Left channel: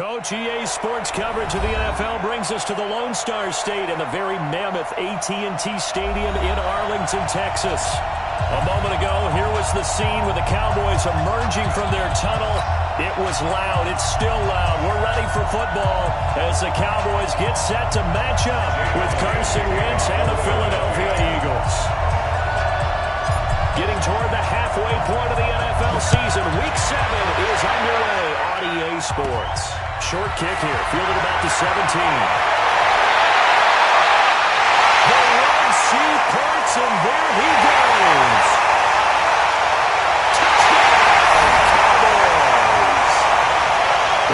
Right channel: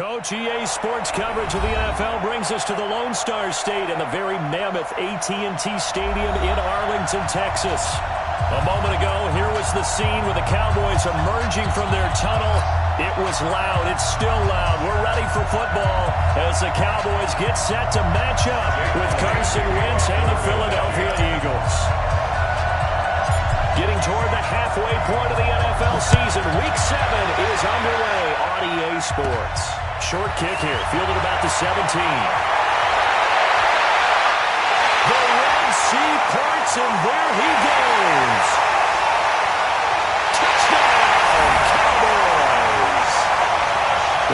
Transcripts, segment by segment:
Coach, EA Sports coverage of the NFL brings us to the Lone Star State and the very mammoth AT&T Stadium in Arlington, Texas. A moment ago, here was the scene with the Cowboys emerging from their tunnel. It was loud. It's still loud. We're ready for football as the Cowboys get set to match up with Carson Wentz and the Philadelphia Eagles. Getting toward the halfway point of the NFL season, Week 7 is underway on EA Sports. Short kick here, fielded about the 17. The Red Sea parts, and there he goes. Touchdown, Cowboys!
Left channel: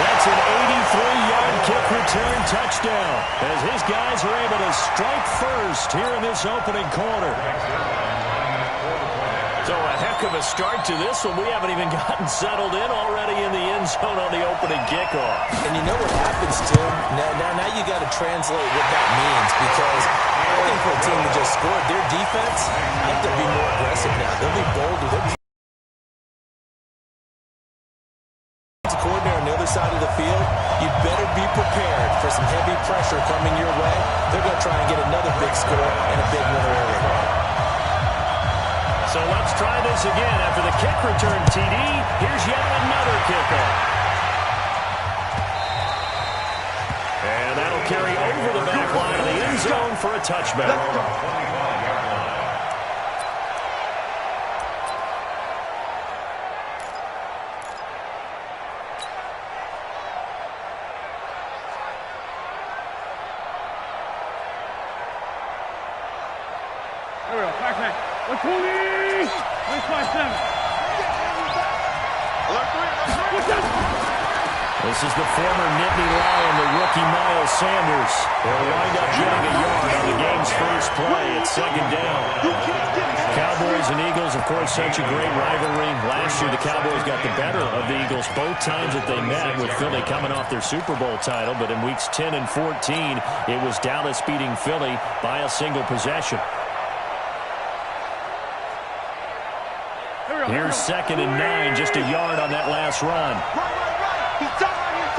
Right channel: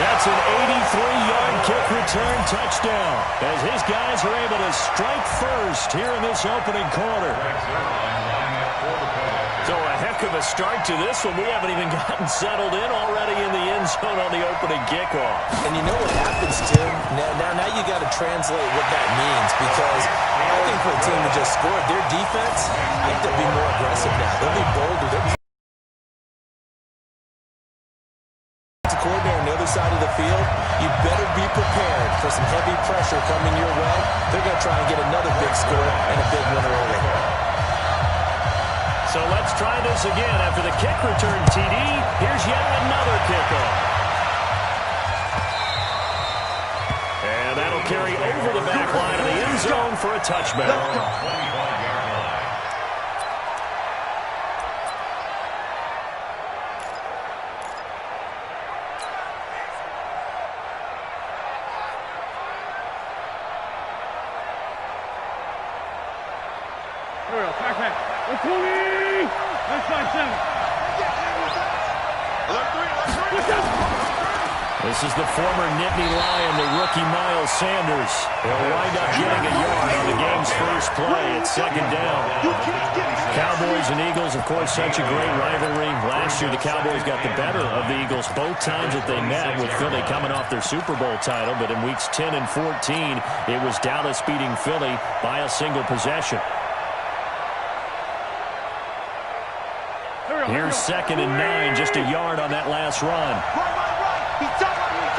That's an 83-yard kick return touchdown as his guys are able to strike first here in this opening quarter. So a heck of a start to this one. We haven't even gotten settled in already in the end zone on the opening kickoff. And you know what happens, Tim? Now you got to translate what that means, because I think for a team that just scored, their defense, I think they'll be more aggressive now. They'll be bolder. They'll be coordinator on the other side of the field. You better be prepared for some heavy pressure coming your way. They're going to try and get another big score and a big winner early. So let's try this again. After the kick return TD, here's yet another kickoff. And that'll carry over the back line of the end zone for a touchback. Here we go, back. 120! Let's 5-7. This is the former Nittany Lion, the rookie Miles Sanders. He'll wind up getting a yard on the game's first play. It's second down. Cowboys and Eagles, of course, such a great rivalry. Last year, the Cowboys got the better of the Eagles both times that they met, with Philly coming off their Super Bowl title. But in weeks 10 and 14, it was Dallas beating Philly by a single possession. Here's second and 9, just a yard on that last run. Right. He's done right.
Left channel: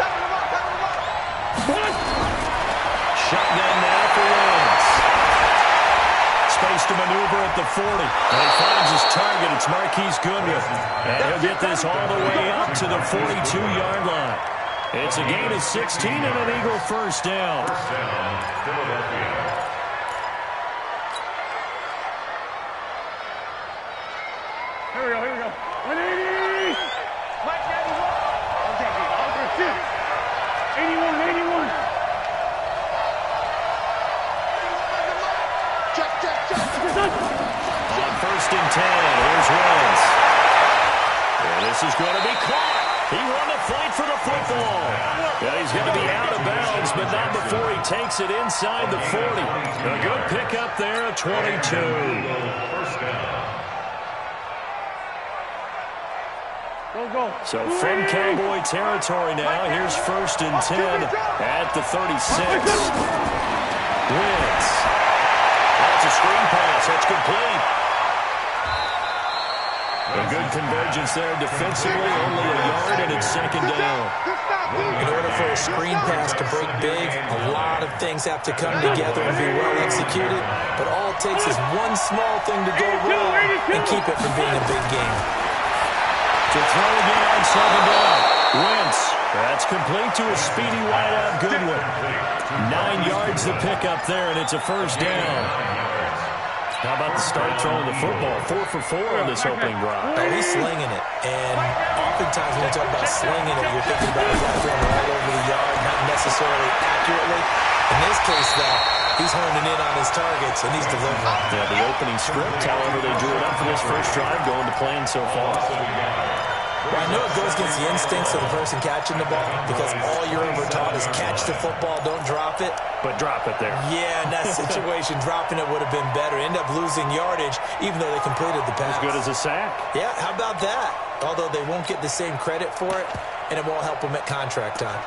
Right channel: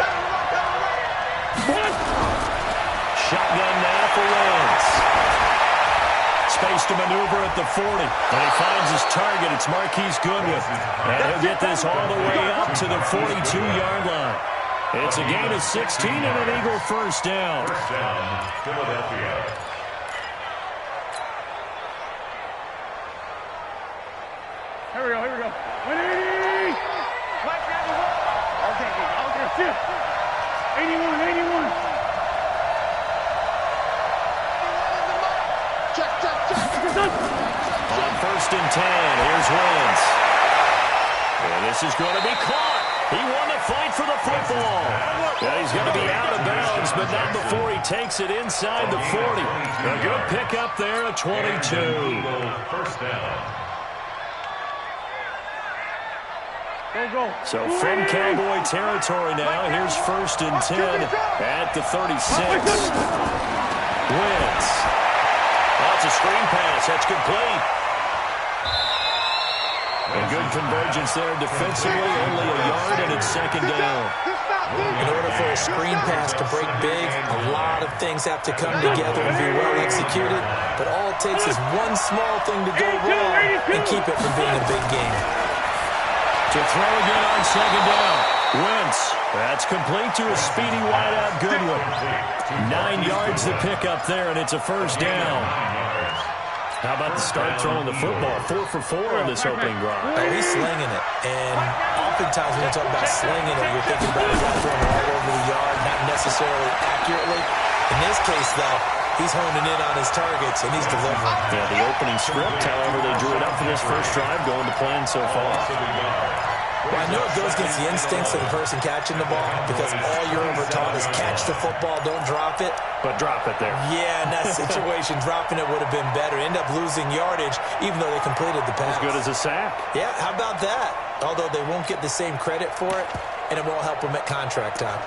Shotgun now for Wentz. Space to maneuver at the 40. And he finds his target. It's Marquise Goodwin. And he'll get this all the way up to the 42-yard line. It's a gain of 16 and an Eagle first down. First down, Philadelphia. Here we go. 180! Mike 91! All day. 81. 81 is the mark! Check! On first and 10, here's Wentz. And this is going to be caught. He won the fight for the football. Yeah, he's going to be out of bounds, but not before he takes it inside the 40. A good pickup there, a 22. First down. Go. So from Cowboy territory now, here's first and 10 at the 36. Wentz. That's a screen pass. That's complete. A good convergence there defensively, only a yard, and it's second down. In order for a screen pass to break big, a lot of things have to come together and be well executed, but all it takes is one small thing to go wrong and keep it from being a big game. To throw again on second down. Wentz. That's complete to a speedy wideout Goodwin. 9 yards to pick up there, and it's a first down. How about the start throwing the football? 4 for 4 on this opening drive. Oh, he's slinging it. And oftentimes when you talk about slinging it, you're thinking about a guy throwing it all over the yard, not necessarily accurately. In this case, though, he's honing in on his targets, and he's delivering. Yeah, the opening script, however, they drew it up for this first drive, going to plan so far. Well, I know it goes against the instincts of the person catching the ball, because all you're ever taught is catch the football, don't drop it. But drop it there. Yeah, in that situation, dropping it would have been better. End up losing yardage, even though they completed the pass. As good as a sack. Yeah, how about that? Although they won't get the same credit for it, and it won't help them at contract time.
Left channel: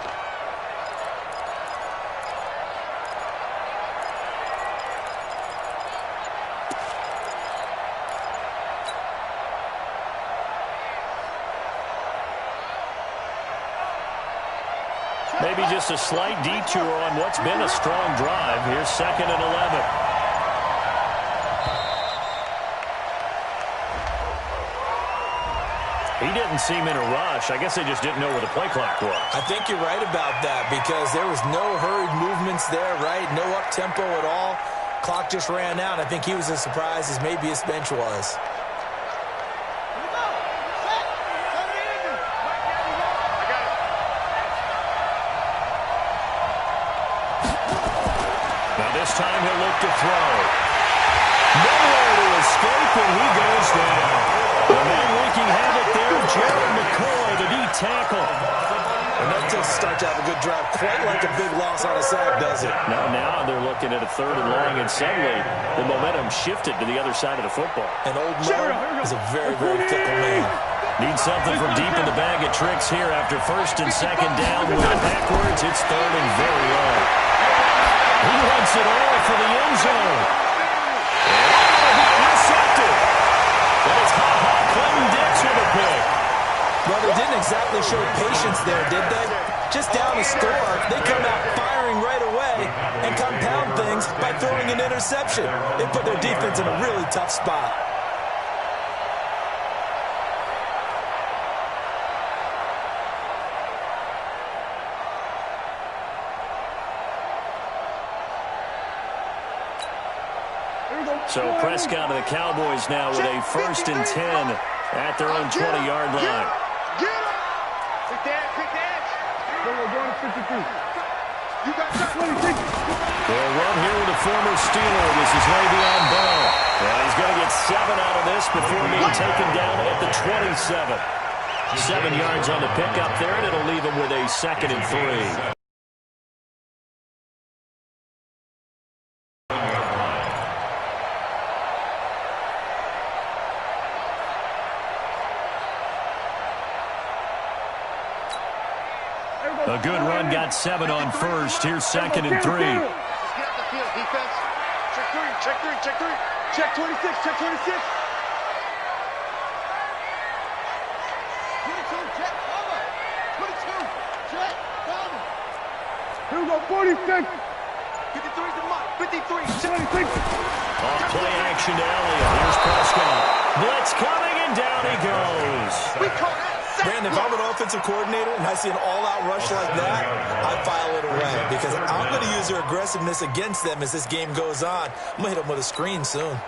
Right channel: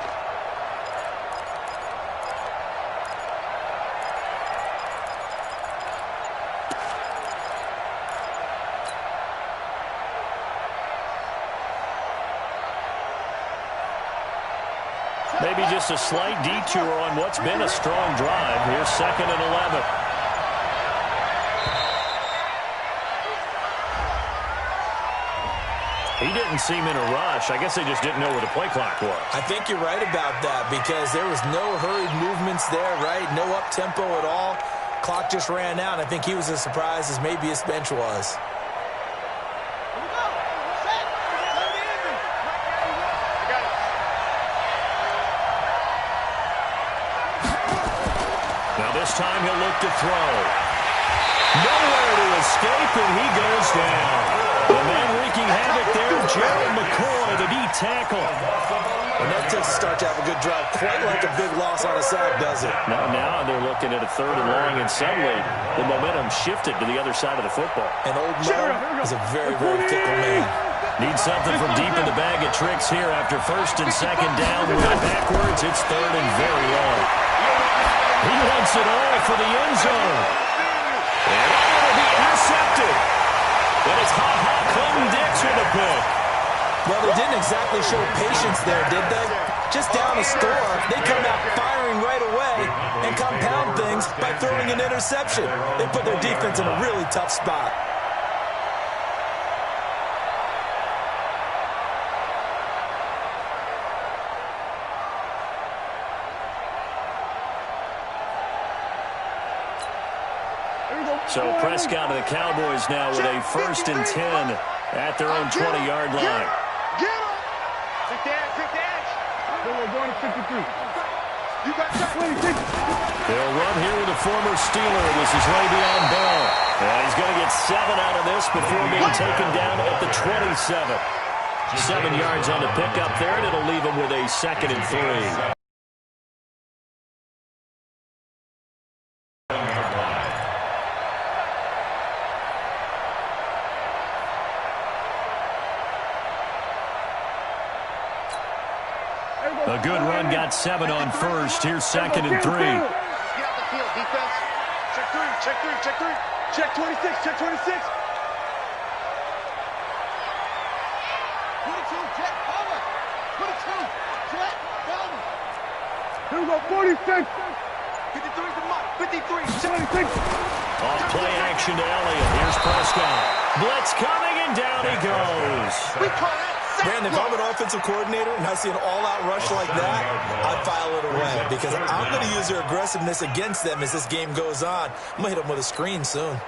maybe just a slight detour on what's been a strong drive. Here's 2nd and 11. He didn't seem in a rush. I guess they just didn't know where the play clock was. I think you're right about that because there was no hurried movements there, right? No up-tempo at all. Clock just ran out. I think he was as surprised as maybe his bench was. Here we go. Set. Come to the engine. I got it. Now this time he'll look to throw. Nowhere to escape, and he goes down. The man wreaking havoc there, Gerald McCoy, the D tackle. And that takes a start to have a good drive. Quite like a big loss on a sack, does it? Now they're looking at a 3rd and long, and suddenly the momentum shifted to the other side of the football. And old Mo is a very, very fickle man. Need something from deep in the bag of tricks here after 1st and 2nd down. Moving backwards, it's 3rd and very long. He wants it all for the end zone. And will be intercepted. But it's Ha-Ha Clinton Dix with a pick. Well, they didn't exactly show patience there, did they? Just down a score, they come out firing right away and compound things by throwing an interception. They put their defense in a really tough spot. So Prescott and the Cowboys now with a 1st and 10 at their own 20-yard line. Get him. Quick dash. They were going to 53. You got that. 26. They'll run here with a former Steeler. This is Le'Veon Bell. And he's going to get 7 out of this before being taken down at the 27. 7 yards on the pickup there, and it'll leave him with a 2nd and 3. A good run, got 7 on 1st. Here's 2nd and 3. Just get out the field, defense. Check 3, check 3, check 3. Check 26, check 26. 22, jet, over. 22, jet, over. Here we go, 46. 53's the mark, 53, 26. Off play action to Elliott. Here's Prescott. Blitz coming, and down he goes. We call that. Brandon, if I'm an offensive coordinator and I see an all-out rush like that, I'd file it away because I'm going to use their aggressiveness against them as this game goes on. I'm going to hit them with a screen soon.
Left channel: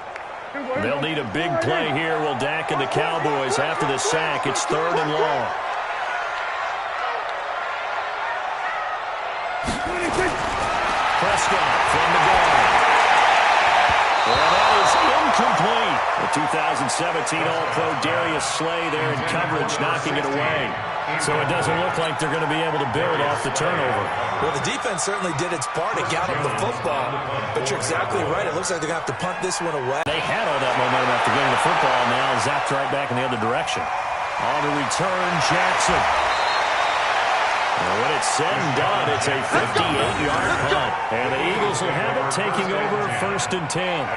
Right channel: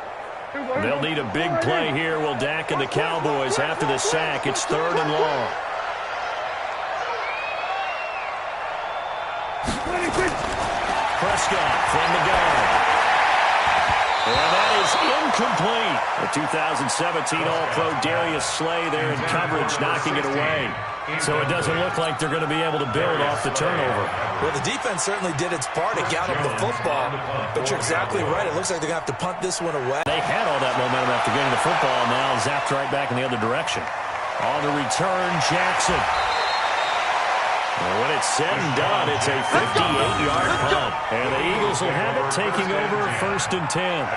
They'll need a big play here. Will Dak and the Cowboys after the sack. It's 3rd and long. Prescott from the gun. And that is incomplete. The 2017 All-Pro Darius Slay there in coverage, knocking it away. So it doesn't look like they're going to be able to build off the turnover. Well, the defense certainly did its part to gather the football. But you're exactly right. It looks like they're going to have to punt this one away. They had all that momentum after getting the football, now zapped right back in the other direction. On the return, Jackson. And when it's said and done, it's a 58-yard punt. And the Eagles will have it, taking over 1st and 10.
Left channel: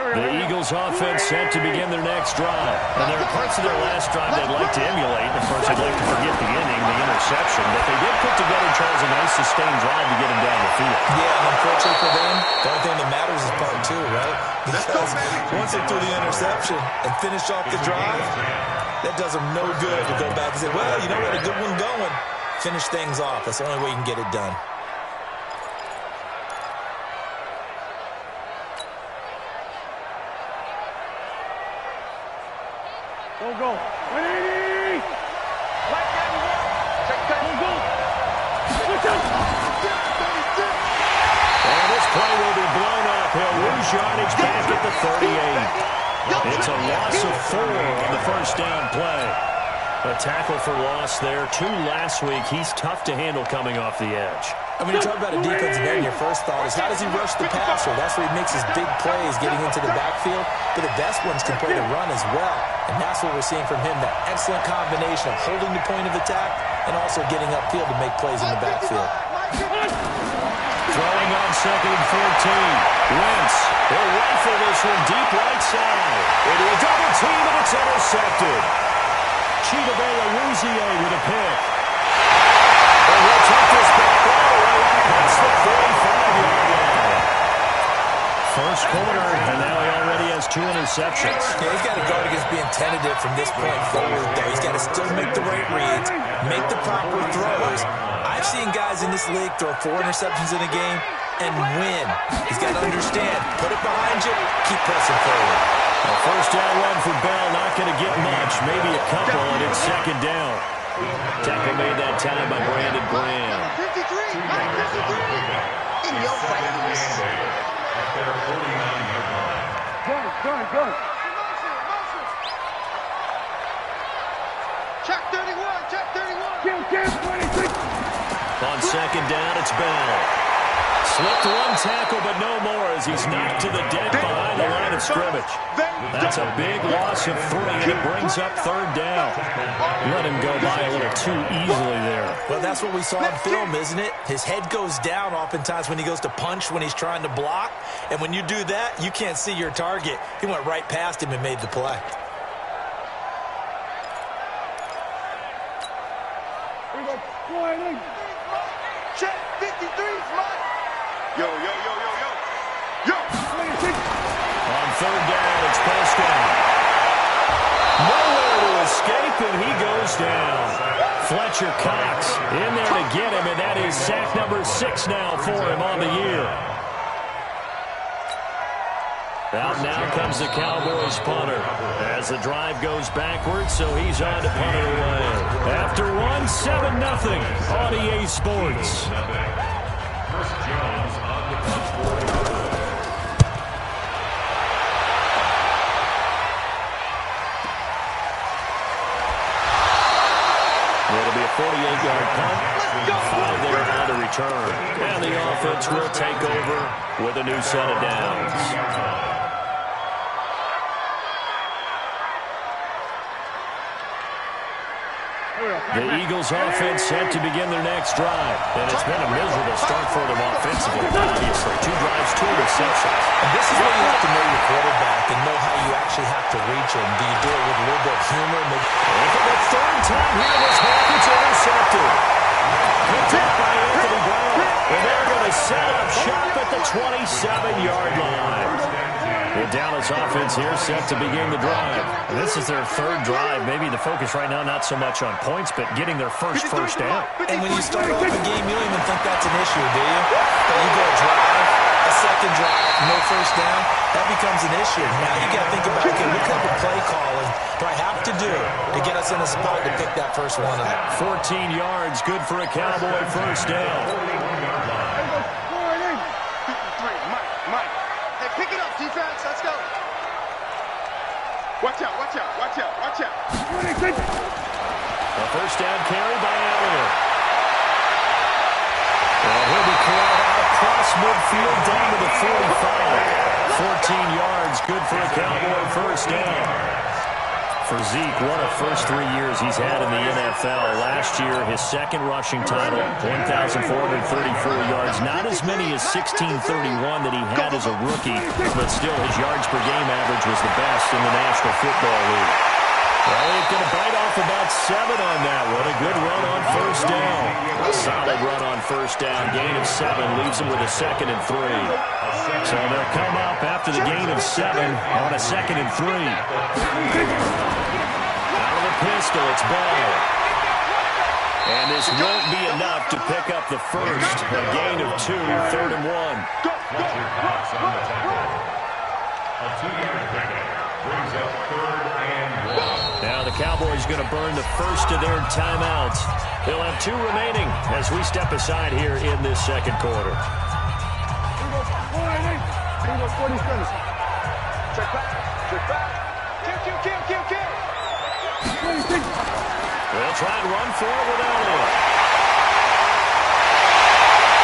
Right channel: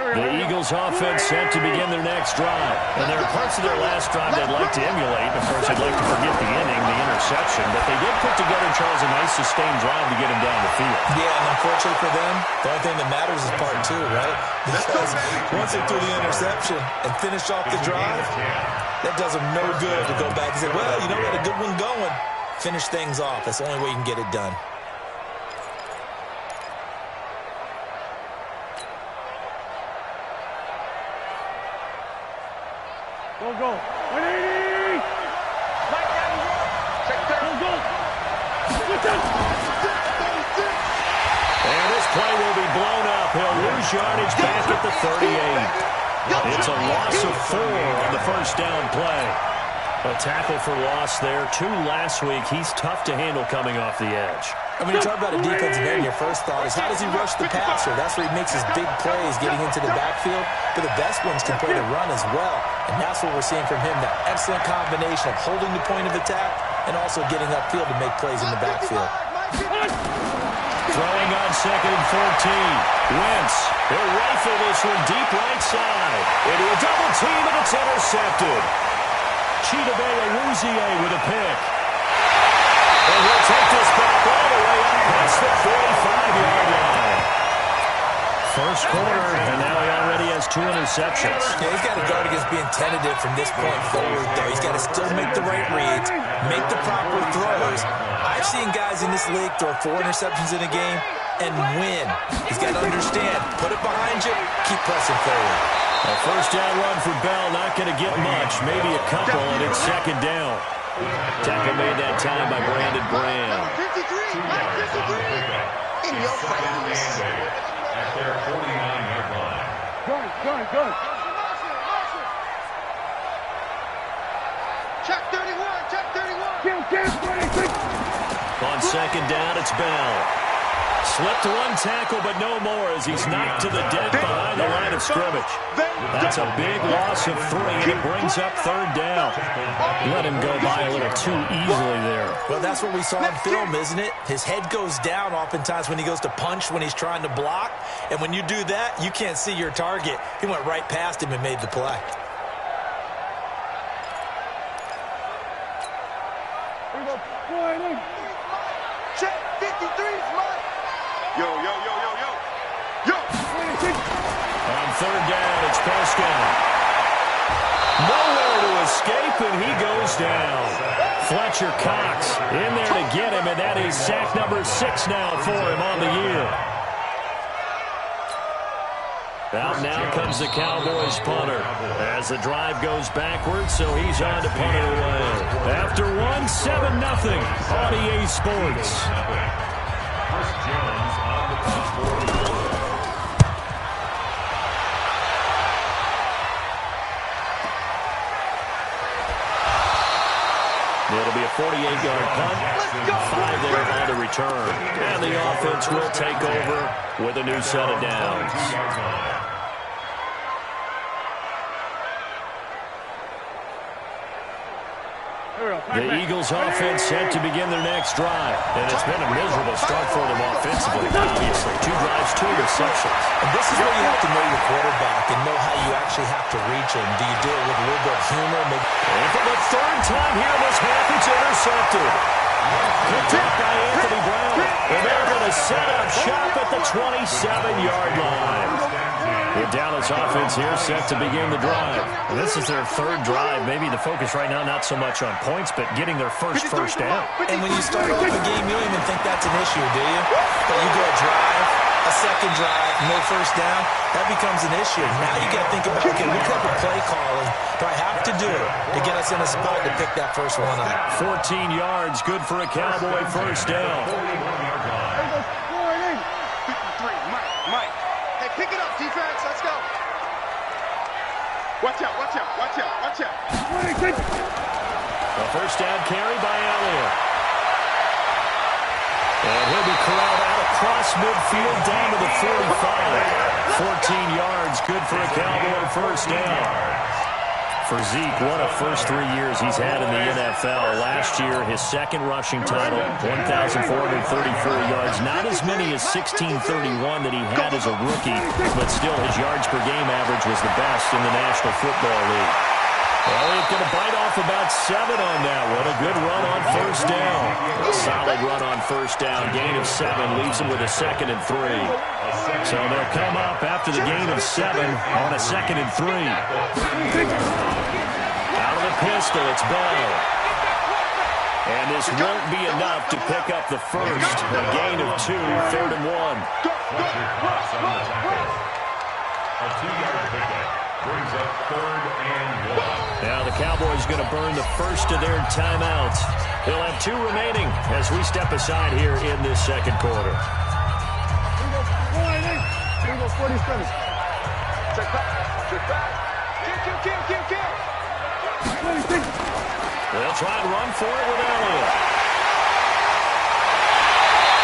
The Eagles offense set to begin their next drive. And there are parts of their last drive they'd like to emulate. Of course, they'd like to forget the inning, the interception. But they did put together, Charles, a nice sustained drive to get him down the field. Yeah, and unfortunately for them, the only thing that matters is part two, right? Because once they threw the interception and finished off the drive, that does them no good to go back and say, well, you know, we had a good one going. Finish things off. That's the only way you can get it done. Go. 180! Right down you want. Check that. Go. And this play will be blown up. He'll lose yardage back at the 38. It's a loss of 4 on the first down play. A tackle for loss there. 2 last week. He's tough to handle coming off the edge. I mean, you talk about a defensive end, your first thought is how does he rush the passer? That's where he makes his big plays getting into the backfield. But the best ones can play the run as well. And that's what we're seeing from him, that excellent combination of holding the point of attack and also getting upfield to make plays in the backfield. Throwing on 2nd and 14. Wentz, he'll rifle this one deep right side. Into a double team, and it's intercepted. Chidobe Awuzie with a pick. And he'll take this back all the way up past the 45-yard line. First quarter, and now he already has 2 interceptions. Yeah, he's got to guard against being tentative from this point forward, though. He's got to still make the right reads, make the proper throws. I've seen guys in this league throw 4 interceptions in a game and win. He's got to understand, put it behind you, keep pressing forward. A first down run for Bell, not going to get much, maybe a couple, and it's 2nd down. Tackle made that time by Brandon Graham. 53, in your face. At their 49-yard line. Gun. Check 31. Kill, 26. On 2nd down, it's Bell. Slipped 1 tackle, but no more as he's knocked to the deck behind the line of scrimmage. That's a big loss of 3, and it brings up 3rd down. Let him go by a little too easily there. Well, that's what we saw in film, isn't it? His head goes down oftentimes when he goes to punch, when he's trying to block. And when you do that, you can't see your target. He went right past him and made the play. Here we go. Sliding. Check. 53's mine. Yo. 26. On 3rd down, it's Prescott. Nowhere to escape, and he goes down. Fletcher Cox in there to get him, and that is sack number 6 now for him on the year. Out now comes the Cowboys punter as the drive goes backwards, so he's on to punt it away. After 1, 7-0 on EA Sports. Chris Jones on the punt for It'll be a 48-yard punt, 5 there on the return. And the offense will take over with a new set of downs. The Eagles offense set to begin their next drive. And it's been a miserable start for them offensively, obviously. 2 drives, 2 interceptions. And this is where you have to know your quarterback and know how you actually have to reach him. Do you do it with a little bit of humor? Maybe. And for the 3rd time here in this half, it's intercepted. Picked up by Anthony Brown. And they're going to set up shop at the 27-yard line. The Dallas offense here set to begin the drive. And this is their 3rd drive. Maybe the focus right now not so much on points, but getting their first down. And when you start off a game, you don't even think that's an issue, do you? But you go a drive, a 2nd drive, no first down, that becomes an issue. Now you got to think about, okay, what type of play calling do I have to do to get us in a spot to pick that first one up? 14 yards, good for a Cowboy first down. 53, Mike. Hey, pick it up, defense. Let's go. Watch out. 26. A first down carry by Elliott. And he'll be corralled out across midfield down to the 45. 14 yards, good for a Cowboy first down. For Zeke, what a first 3 years he's had in the NFL. Last year, his second rushing title, 1,434 yards. Not as many as 1,631 that he had as a rookie, but still his yards per game average was the best in the National Football League. Elliott going to bite off about 7 on that one. A good run on first down. A solid run on first down. Gain of 7 leaves him with a 2nd and 3. So they'll come up after the gain of 7 on a 2nd and 3. Out of the pistol, it's Bell. And this won't be enough to pick up the first. A gain of 2, 3rd and 1. A 2-yard pickup. Brings up 3rd and 1. Now the Cowboys going to burn the first of their timeouts. They'll have 2 remaining as we step aside here in this second quarter. Here we go, 47. Check back. Kill. 26. They'll try and run for it with Elliott.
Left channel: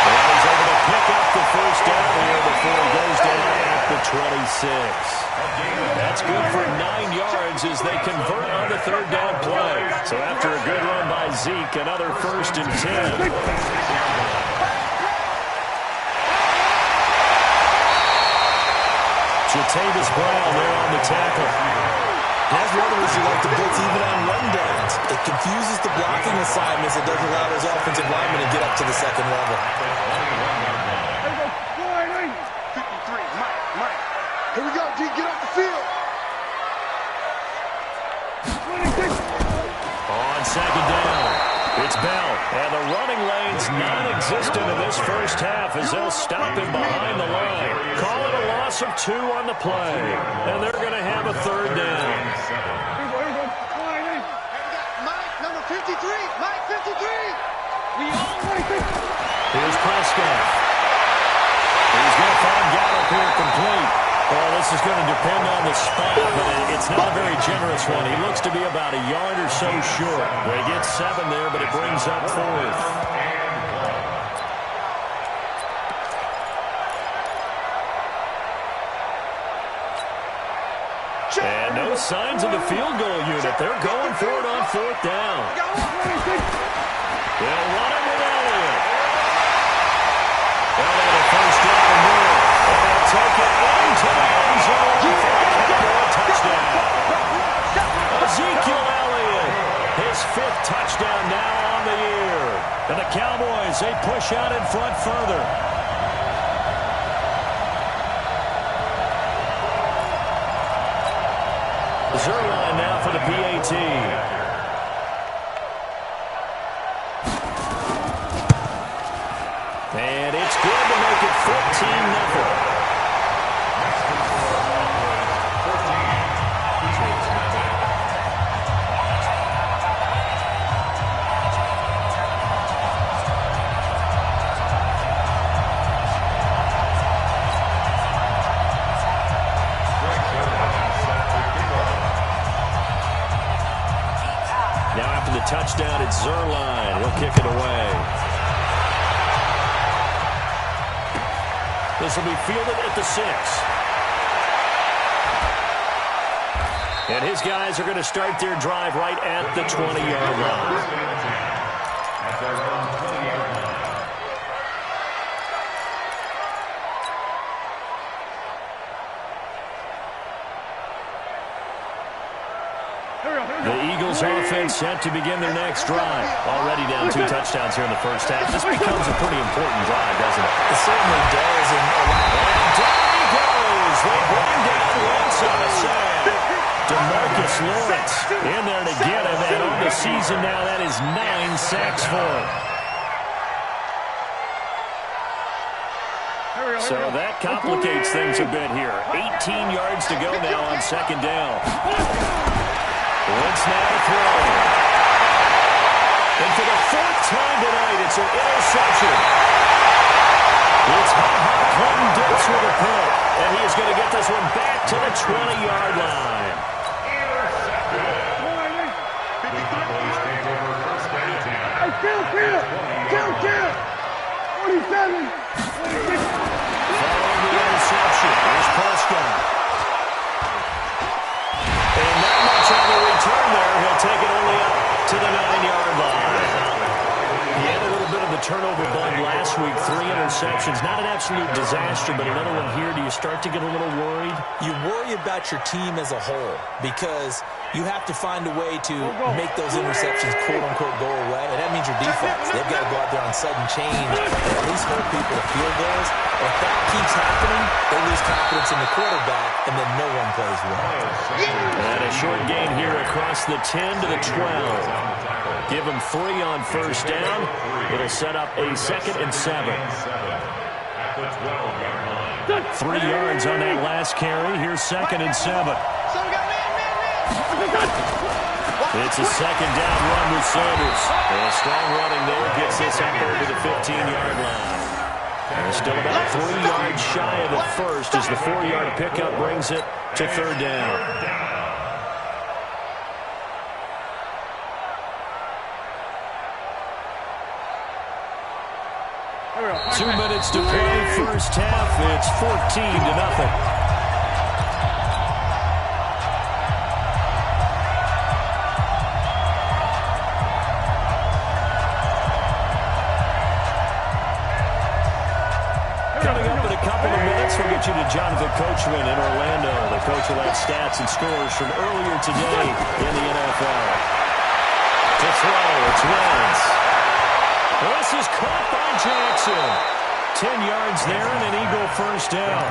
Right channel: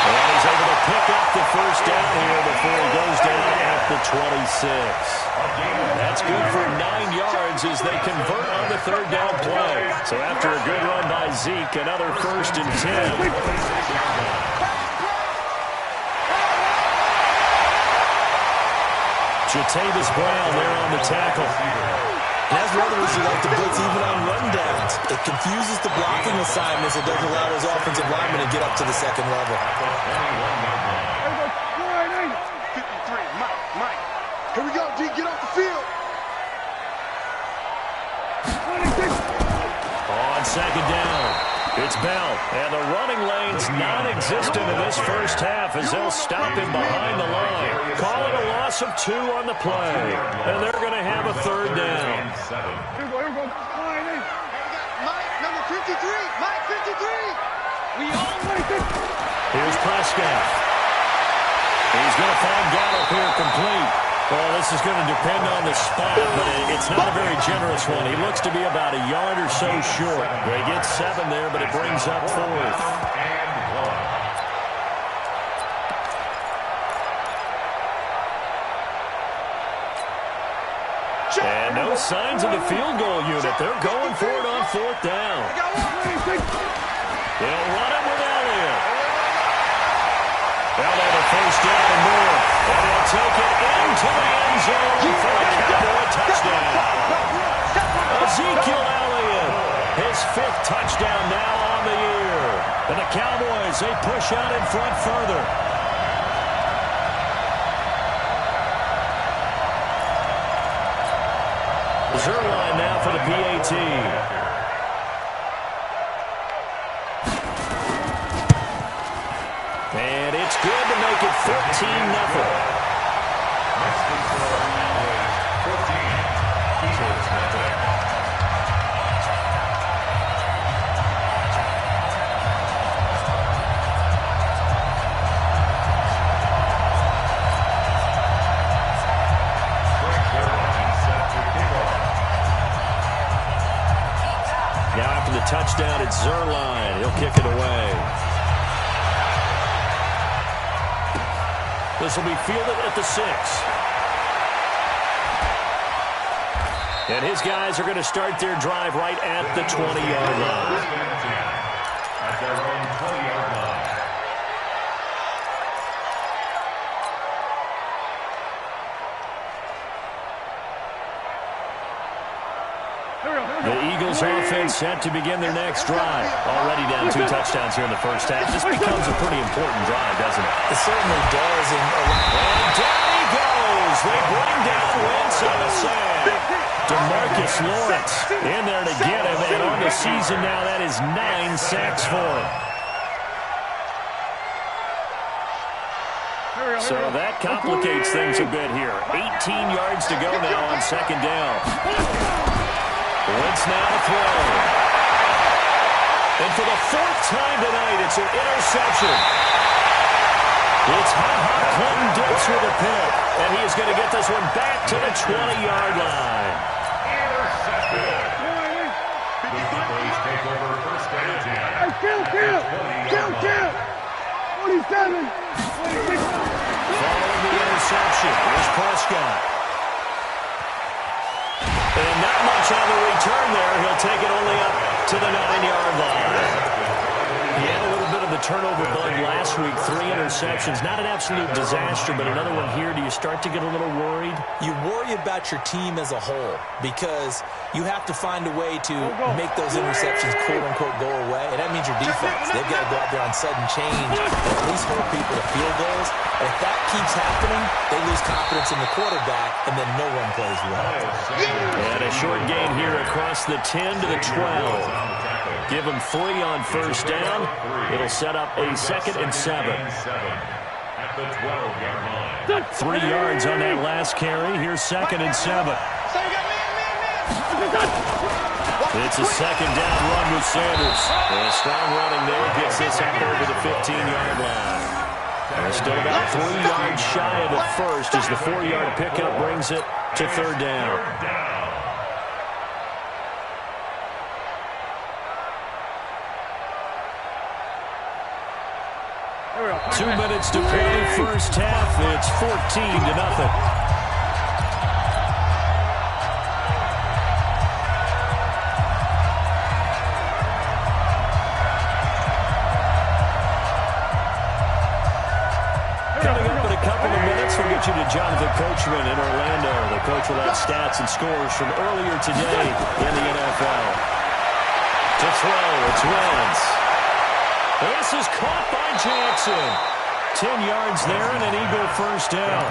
And he's able to pick up the first down here before he goes down at the 26. That's good for 9 yards as they convert on the 3rd down play. So after a good run by Zeke, another 1st and 10. Jatavis Brown there on the tackle. That's runners who like to blitz even on rundowns. It confuses the blocking assignments. It doesn't allow those offensive linemen to get up to the second level. 53, Mike. Here we go, D, get off the field. 26. On 2nd down, it's Bell. And the running lane's non-existent in this first half as they'll stop him behind the line. Call it a loss of 2 on the play. And they're going to have a 3rd down. Here we go. Hey, we got Mike, number 53. Mike, 53. We all 26. Here's Prescott. He's going to find Gallup here complete. Well, this is going to depend on the spot, but it's not a very generous one. He looks to be about a yard or so short. They get 7 there, but it brings up 4th. And no signs of the field goal unit. They're going for it on 4th down. They'll run it with Elliott. They'll have a first down and more. And they'll take it into the end zone for a Cowboy touchdown. Ezekiel Elliott, his 5th touchdown now on the year. And the Cowboys, they push out in front further. Zerline now for the PAT. And it's good to make it 14-0. Now after the touchdown, it's Zerline. He'll kick it away. This will be fielded at the 6. And his guys are going to start their drive right at the 20-yard line. At their own 20-yard line. The Eagles offense set to begin their next drive. Already down 2 touchdowns here in the first half. This becomes a pretty important drive, doesn't it? It certainly does. And down he goes. They bring down Wentz on the sand. DeMarcus Lawrence in there to get him. And on the season now, that is 9 sacks for him. So that complicates things a bit here. 18 yards to go now on 2nd down. Wentz now to throw. And for the 4th time tonight, it's an interception. It's Ha-Ha Clinton Dix with a pick. And he is going to get this one back to the 20-yard line. Intercepted. The Cowboys take over 1st and 10. Hey, kill. 47. 26. Following the interception, here's Prescott. And not much on the return there. He'll take it only up to the 9-yard line. He had a little bit of the turnover bug last week, 3 interceptions. Not an absolute disaster, but another one here. Do you start to get a little worried? You worry about your team as a whole because you have to find a way to make those interceptions, quote-unquote, go away. And that means your defense. They've got to go out there on sudden change and at least hold people to field goals. And if that keeps happening, they lose confidence in the quarterback, and then no one plays well. And a short gain here across the 10 to the 12. Give them 3 on first down. It'll set up a 2nd and 7. At the 12-yard line. 3 yards on that last carry. Here's 2nd and 7. So we got man. It's a 2nd down run with Sanders. And strong running there gets this up over the 15-yard line. And still about 3 yards shy of the first as the 4-yard pickup brings it to 3rd down. 2 minutes to play, first half. It's 14-0. Coming up in a couple of minutes, we'll get you to Jonathan Coachman in Orlando. The coach will have stats and scores from earlier today in the NFL. To throw, it's Wentz. This is caught by Jackson. 10 yards there and an Eagle first down.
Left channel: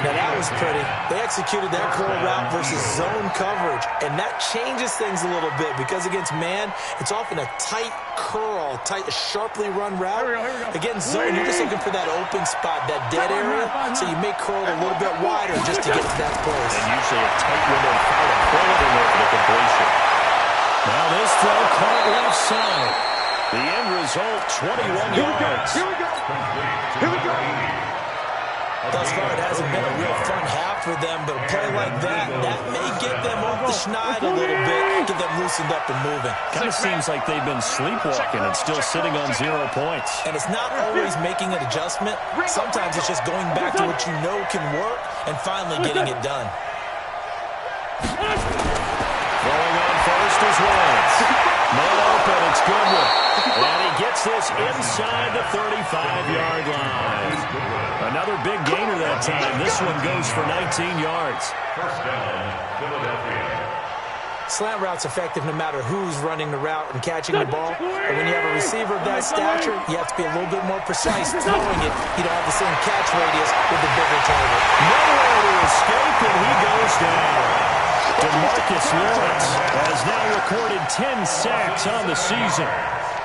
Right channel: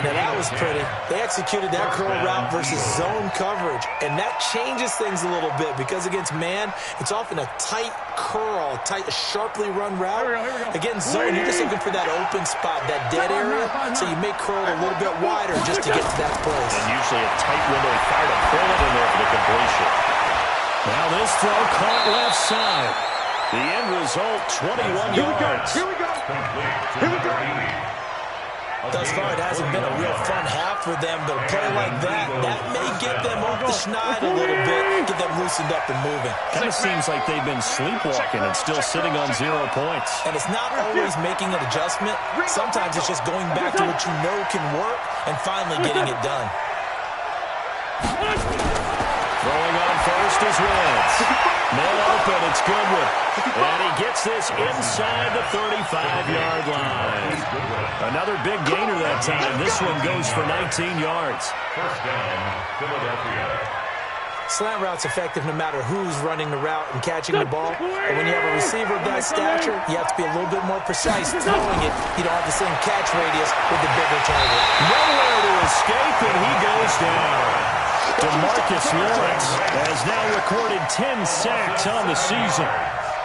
Now that was pretty. They executed that curl route versus zone coverage, and that changes things a little bit because against man, it's often a tight curl, sharply run route. Against zone, you're just looking for that open spot, that dead area, so you may curl it a little bit wider just to get to that place. And usually a tight window, he fired a bullet in there for the completion. Now this throw caught left side. The end result, 21 yards. Here we go. Here we go. Thus far, it hasn't been a real fun half for them, but a play like that may get them off the schneid a little bit, get them loosened up and moving. Kind of seems like they've been sleepwalking and still sitting on 0 points. And it's not always making an adjustment. Sometimes it's just going back to what you know can work and finally getting it done. Throwing on first is Wentz. Man open, it's Goodwin. And he gets this inside the 35-yard line. Another big gainer that time. This one goes for 19 yards. First down, Philadelphia. Slant route's effective no matter who's running the route and catching the ball. But when you have a receiver of that stature, you have to be a little bit more precise throwing it. You don't have the same catch radius with the bigger target. Nowhere to escape, and he goes down. DeMarcus Lawrence has now recorded 10 sacks on the season.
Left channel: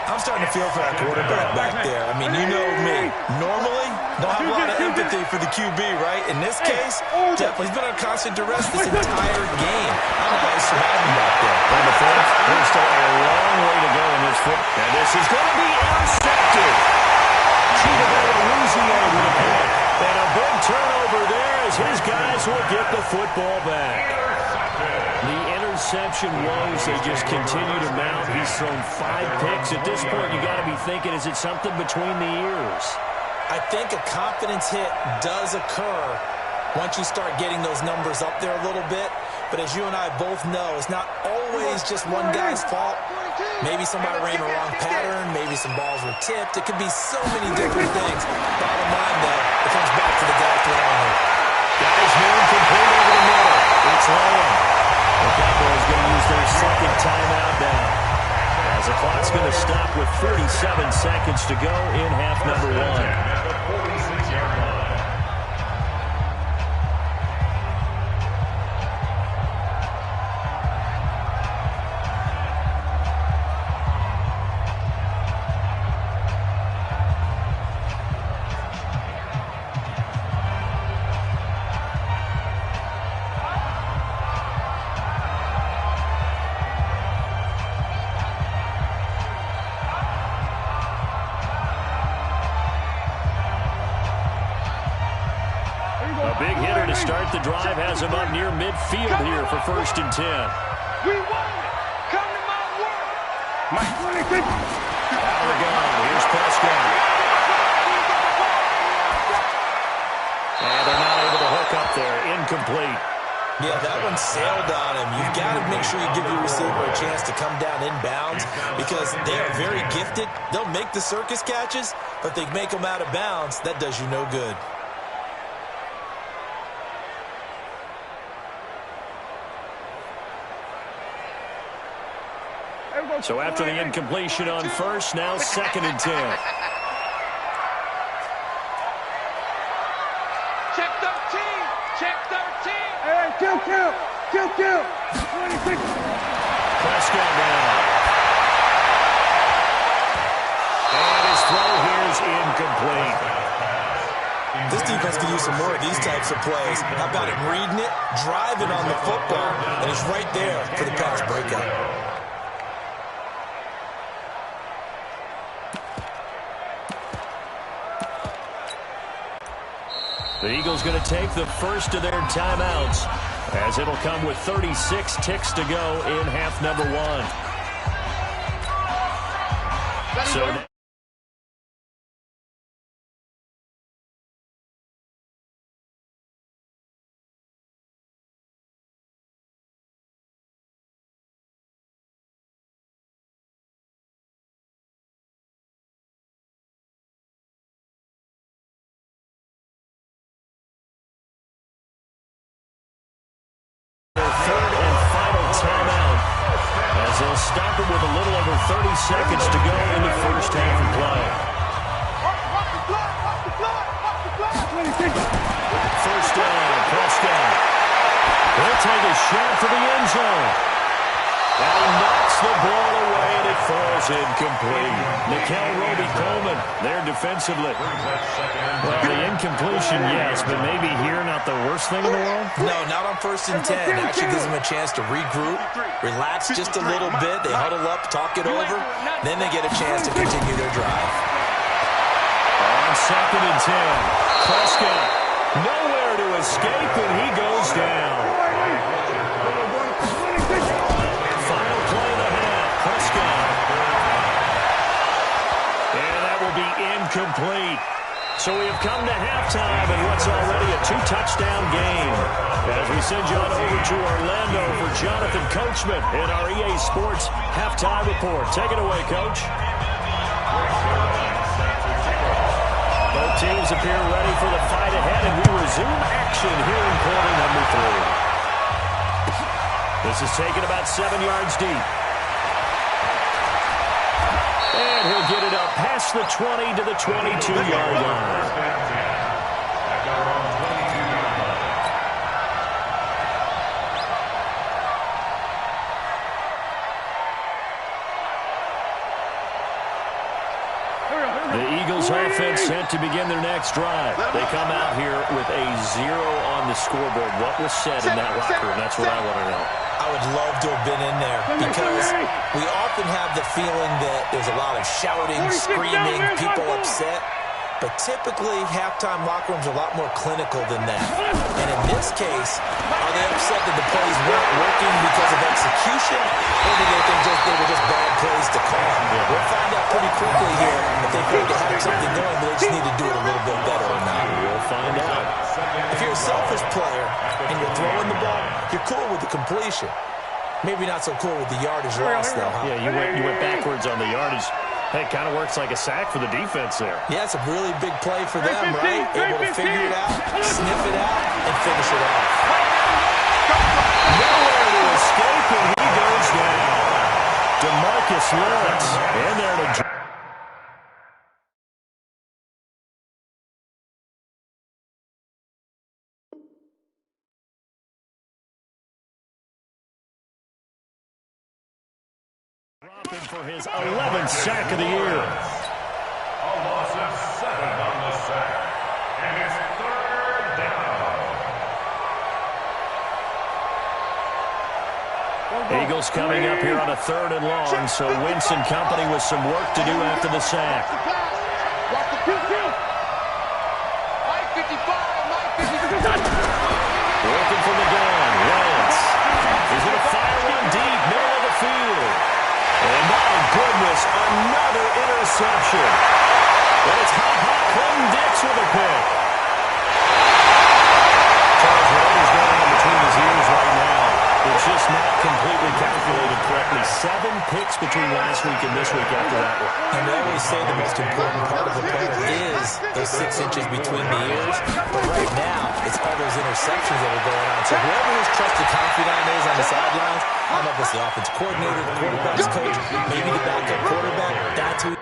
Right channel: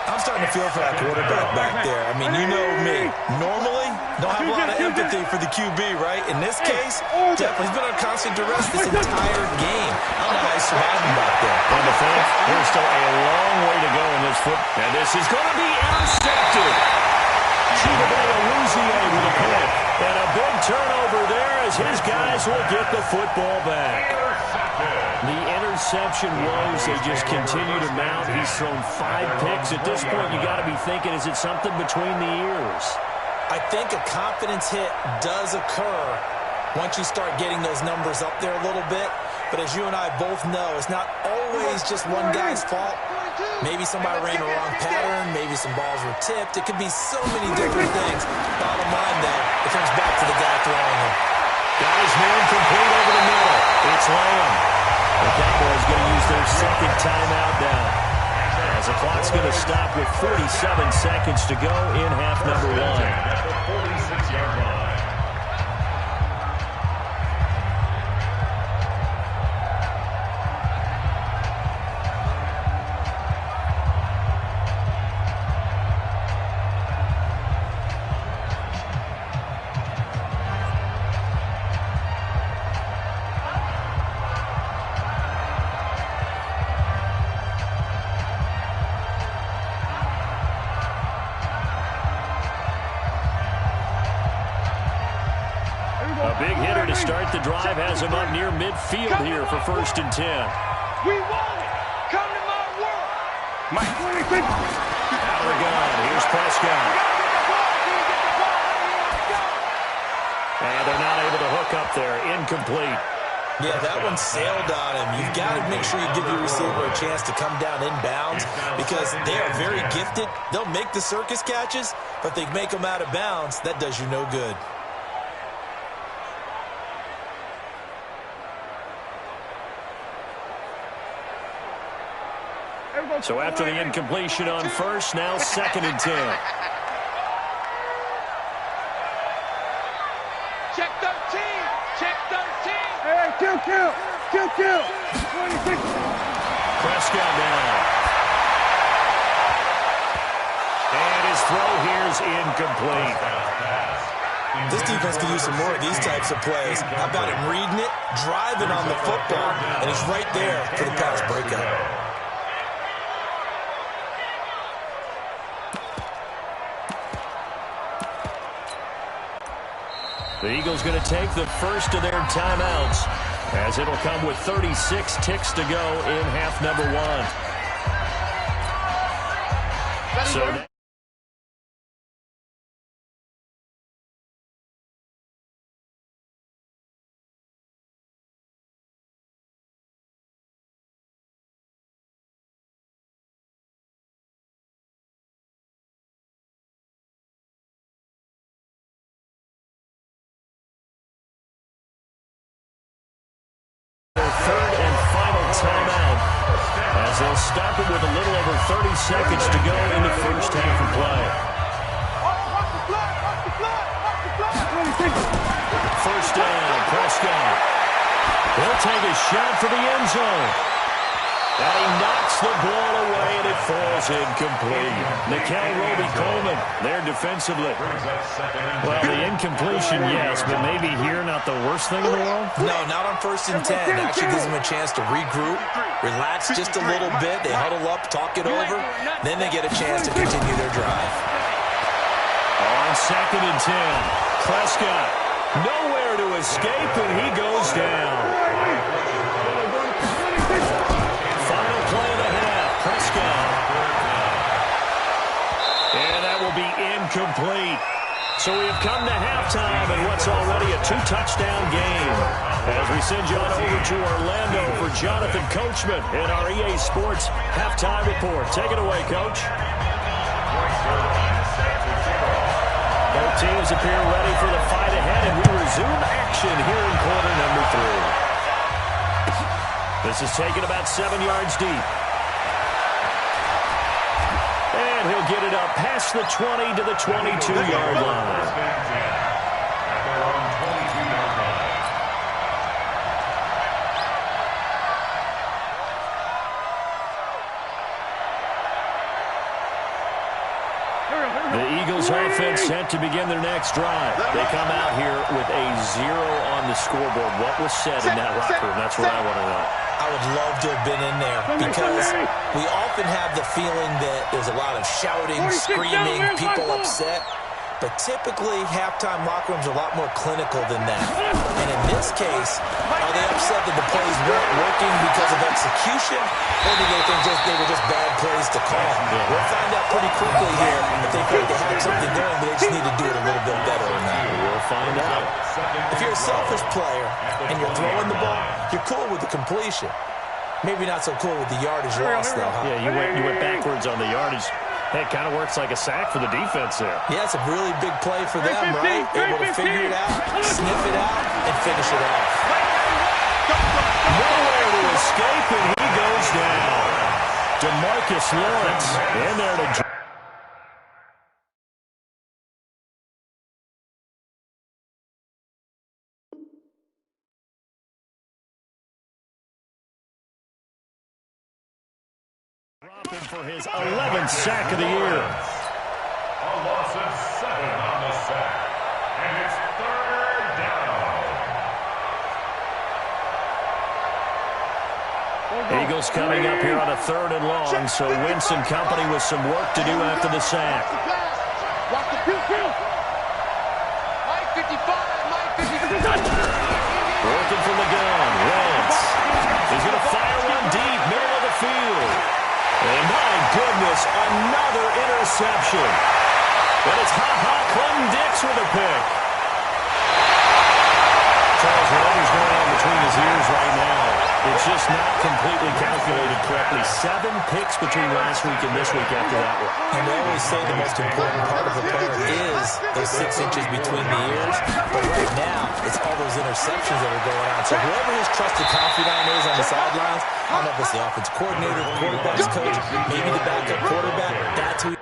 I'm starting to feel for that quarterback back there. I mean, you know me. Normally, don't have a lot of empathy for the QB, right? In this case, definitely he's been on constant duress this entire game. I don't know how he's surviving back there. On the fifth, there's still a long way to go in this foot. And this is going to be intercepted. Chidobe with a point. And a big turnover there as his guys will get the football back. The interception woes, they just continue to mount. He's thrown 5 picks. At this point, you got to be thinking, is it something between the ears? I think a confidence hit does occur once you start getting those numbers up there a little bit. But as you and I both know, it's not always just one guy's fault. Maybe somebody ran the wrong pattern. Maybe some balls were tipped. It could be so many different things. Bottom line, though, it comes back to the guy throwing it. Guys near complete over the middle. It's Lamb. The Cowboys going to use their second timeout now. As the clock's going to stop with 47 seconds to go in half number 1. At the 46-yard line. A big hitter to start the drive has him up near midfield here for 1st and 10. We want it. Come to my world. Mike. Out of the gun. Here's Prescott. And they're not able to hook up there. Incomplete. Yeah, that one sailed on him. You've got to make sure you give your receiver a chance to come down inbounds because they are very gifted. They'll make the circus catches, but they make them out of bounds. That does you no good. So after the incompletion on first, now 2nd and 10. Check 13. Check 13. Hey, kill. 26. Prescott now. And his throw here is incomplete. This defense could use some more of these types of plays. How about him reading it, driving on the football, and he's right there for the pass breakup. The Eagles going to take the first of their timeouts as it'll come with 36 ticks to go in half number 1. So now third and final timeout as they'll stop it with a little over 30 seconds to go in the first half of play. Watch the flag. First down, Prescott. He'll take a shot for the end zone. And he knocks the ball away, and it falls incomplete. Nikel Roby-Coleman there defensively. Well, the incompletion, yes, but maybe here not the worst thing in the world? No, not on 1st and 10. Actually gives them a chance to regroup, relax just a little bit. They huddle up, talk it over. Then they get a chance to continue their drive. On 2nd and 10, Prescott nowhere to escape, and he goes down. Final play of the half, Prescott. And that will be incomplete. So we have come to halftime in what's already a 2-touchdown game. As we send you on over to Orlando for Jonathan Coachman in our EA Sports Halftime Report. Take it away, Coach. Both teams appear ready for the fight ahead, and we resume action here in quarter number 3. This is taken about 7 yards deep. And he'll get it up past the 20 to the 22-yard line. At their own 22-yard line. The Eagles offense set to begin their next drive. They come out here with a 0 on the scoreboard. What was said in that locker room? That's what I want to know. I would love to have been in there because we often have the feeling that there's a lot of shouting, screaming, people upset. But typically, halftime locker rooms are a lot more clinical than that. And in this case, are they upset that the plays weren't working because of execution, or do they think they were just bad plays to call? We'll find out pretty quickly here if they think they had something going, but they just need to do it a little bit better or not. We'll find out. If you're a selfish player and you're throwing the ball, you're cool with the completion. Maybe not so cool with the yardage loss, though, huh? Yeah, you went backwards on the yardage. Hey, it kind of works like a sack for the defense there. Yeah, it's a really big play for them, right? Able to figure it out, sniff it out, and finish it off. Nowhere to escape, and he goes down. DeMarcus Lawrence in there to... dropping for his 11th sack of the year. A loss of 7 on the sack. And it's 3rd down. Eagles coming up here on a 3rd and long, so Wentz and company with some work to do after the sack. Watch the kill. Mike 55, Working from the gun, Wentz. He's going to fire one deep, middle of the field. And my goodness, another interception. And it's Clem-Dix with a pick. Charles, whatever's going on between his ears not completely calculated correctly. 7 picks between last week and this week after that one. And they always say the most important part of a player is those 6 inches between the ears. But right now, it's all those interceptions that are going on. So whoever his trusted confidant is on the sidelines, I don't know if it's the offensive coordinator, the quarterback's coach, maybe the backup quarterback, that's who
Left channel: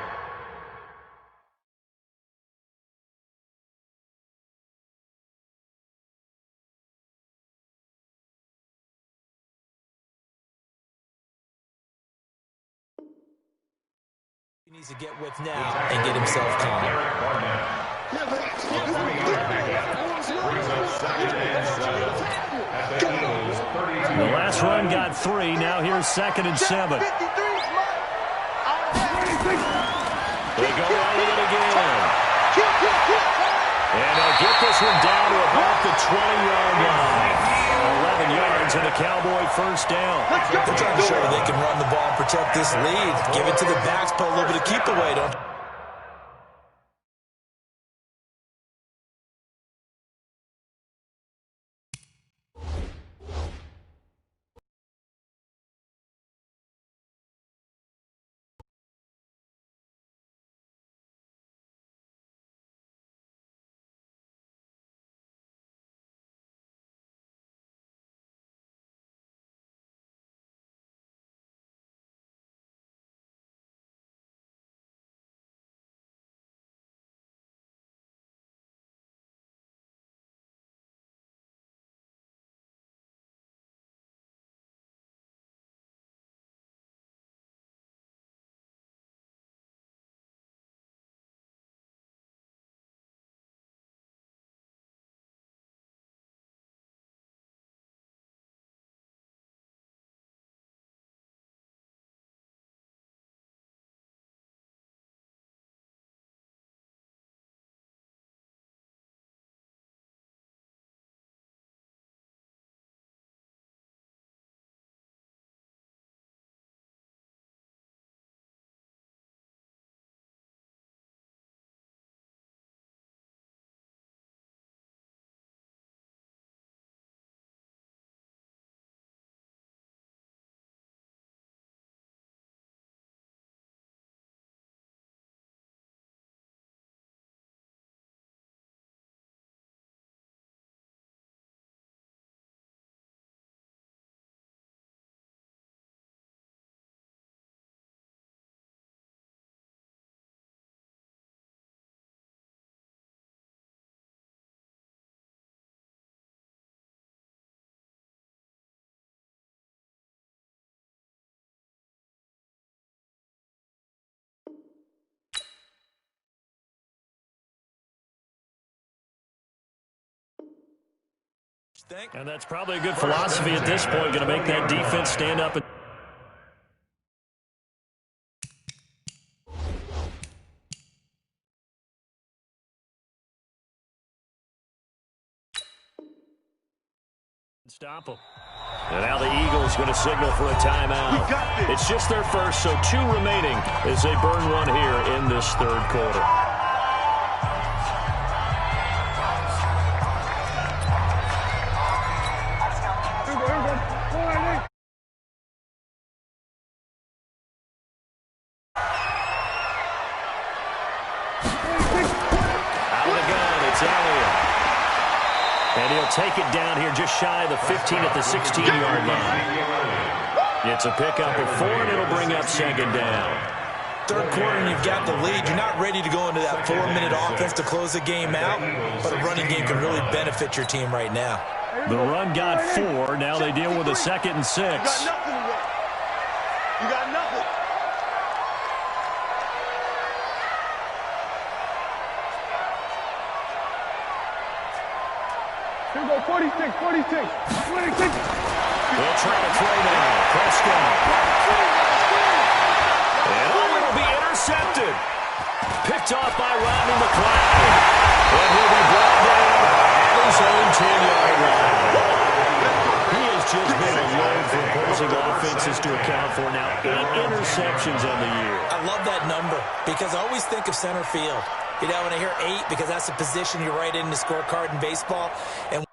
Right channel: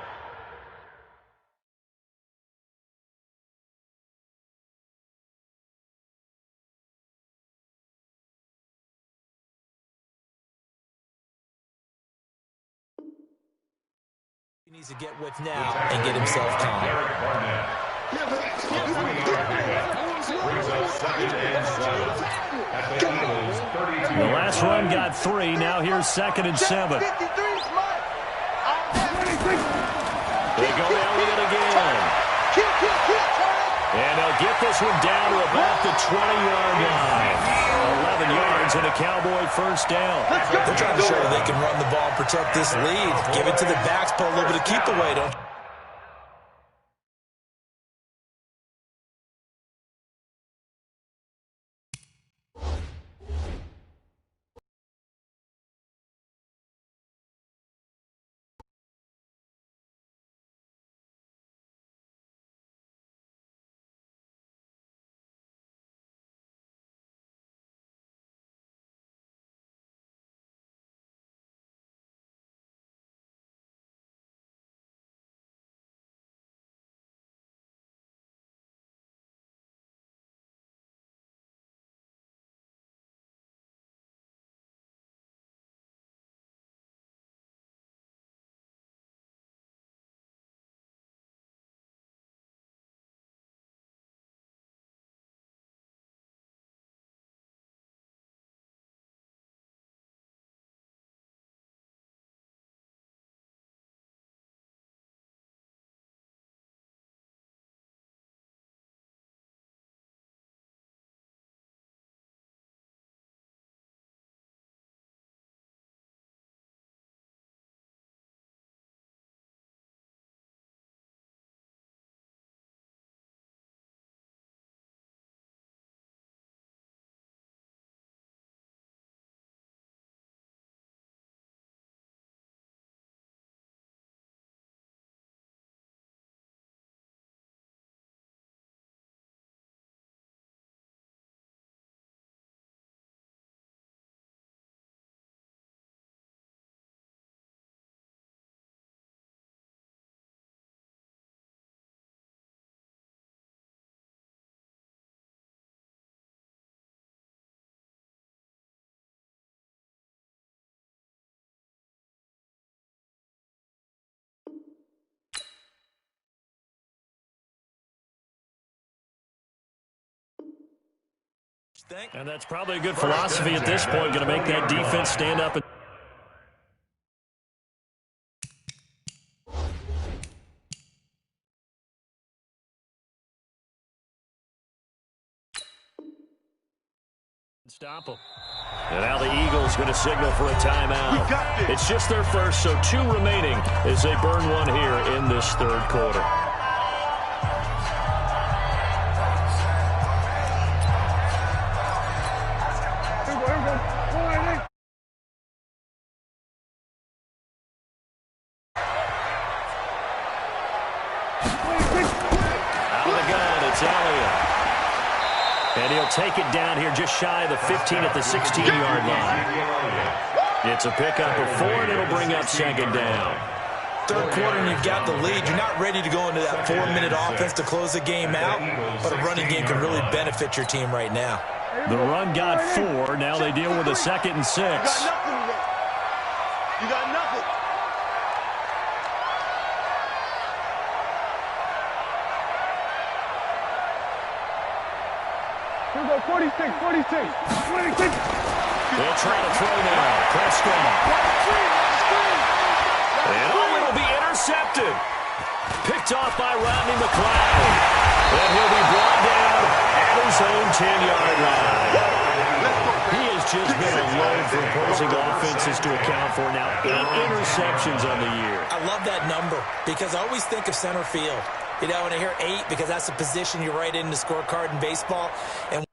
he needs to get with now and get himself calm. The last run got 3. Now here's 2nd and 7. They go Elliott again. And they'll get this one down to about the 20-yard line. 11 yards and a Cowboy first down. They're trying to show that they can run the ball and protect this lead. Give it to the backs, put a little bit of keep away, don't you? And that's probably a good philosophy at this point. Going to make that defense stand up and stop them. And now the Eagles going to signal for a timeout. It's just their first, so 2 remaining as they burn one here in this 3rd quarter. Out of the gun, it's Elliott. And he'll take it down here just shy of the 15 at the 16-yard line. It's a pickup of 4, and it'll bring up 2nd down. 3rd quarter and you've got the lead. You're not ready to go into that 4-minute offense to close the game out, but a running game can really benefit your team right now. The run got 4. Now they deal with a 2nd and 6. You got nothing today. You got nothing. Here we go, 46, 46, 26. They'll try to throw now. Prescott. And it'll be intercepted. Picked off by Rodney McLeod. And he'll be brought down at his own 10-yard line. He has just been a load for opposing offenses to account for. Now 8 interceptions on the year. I love that number because I always think of center field. You know, when I hear 8, because that's the position you write in the scorecard in baseball. And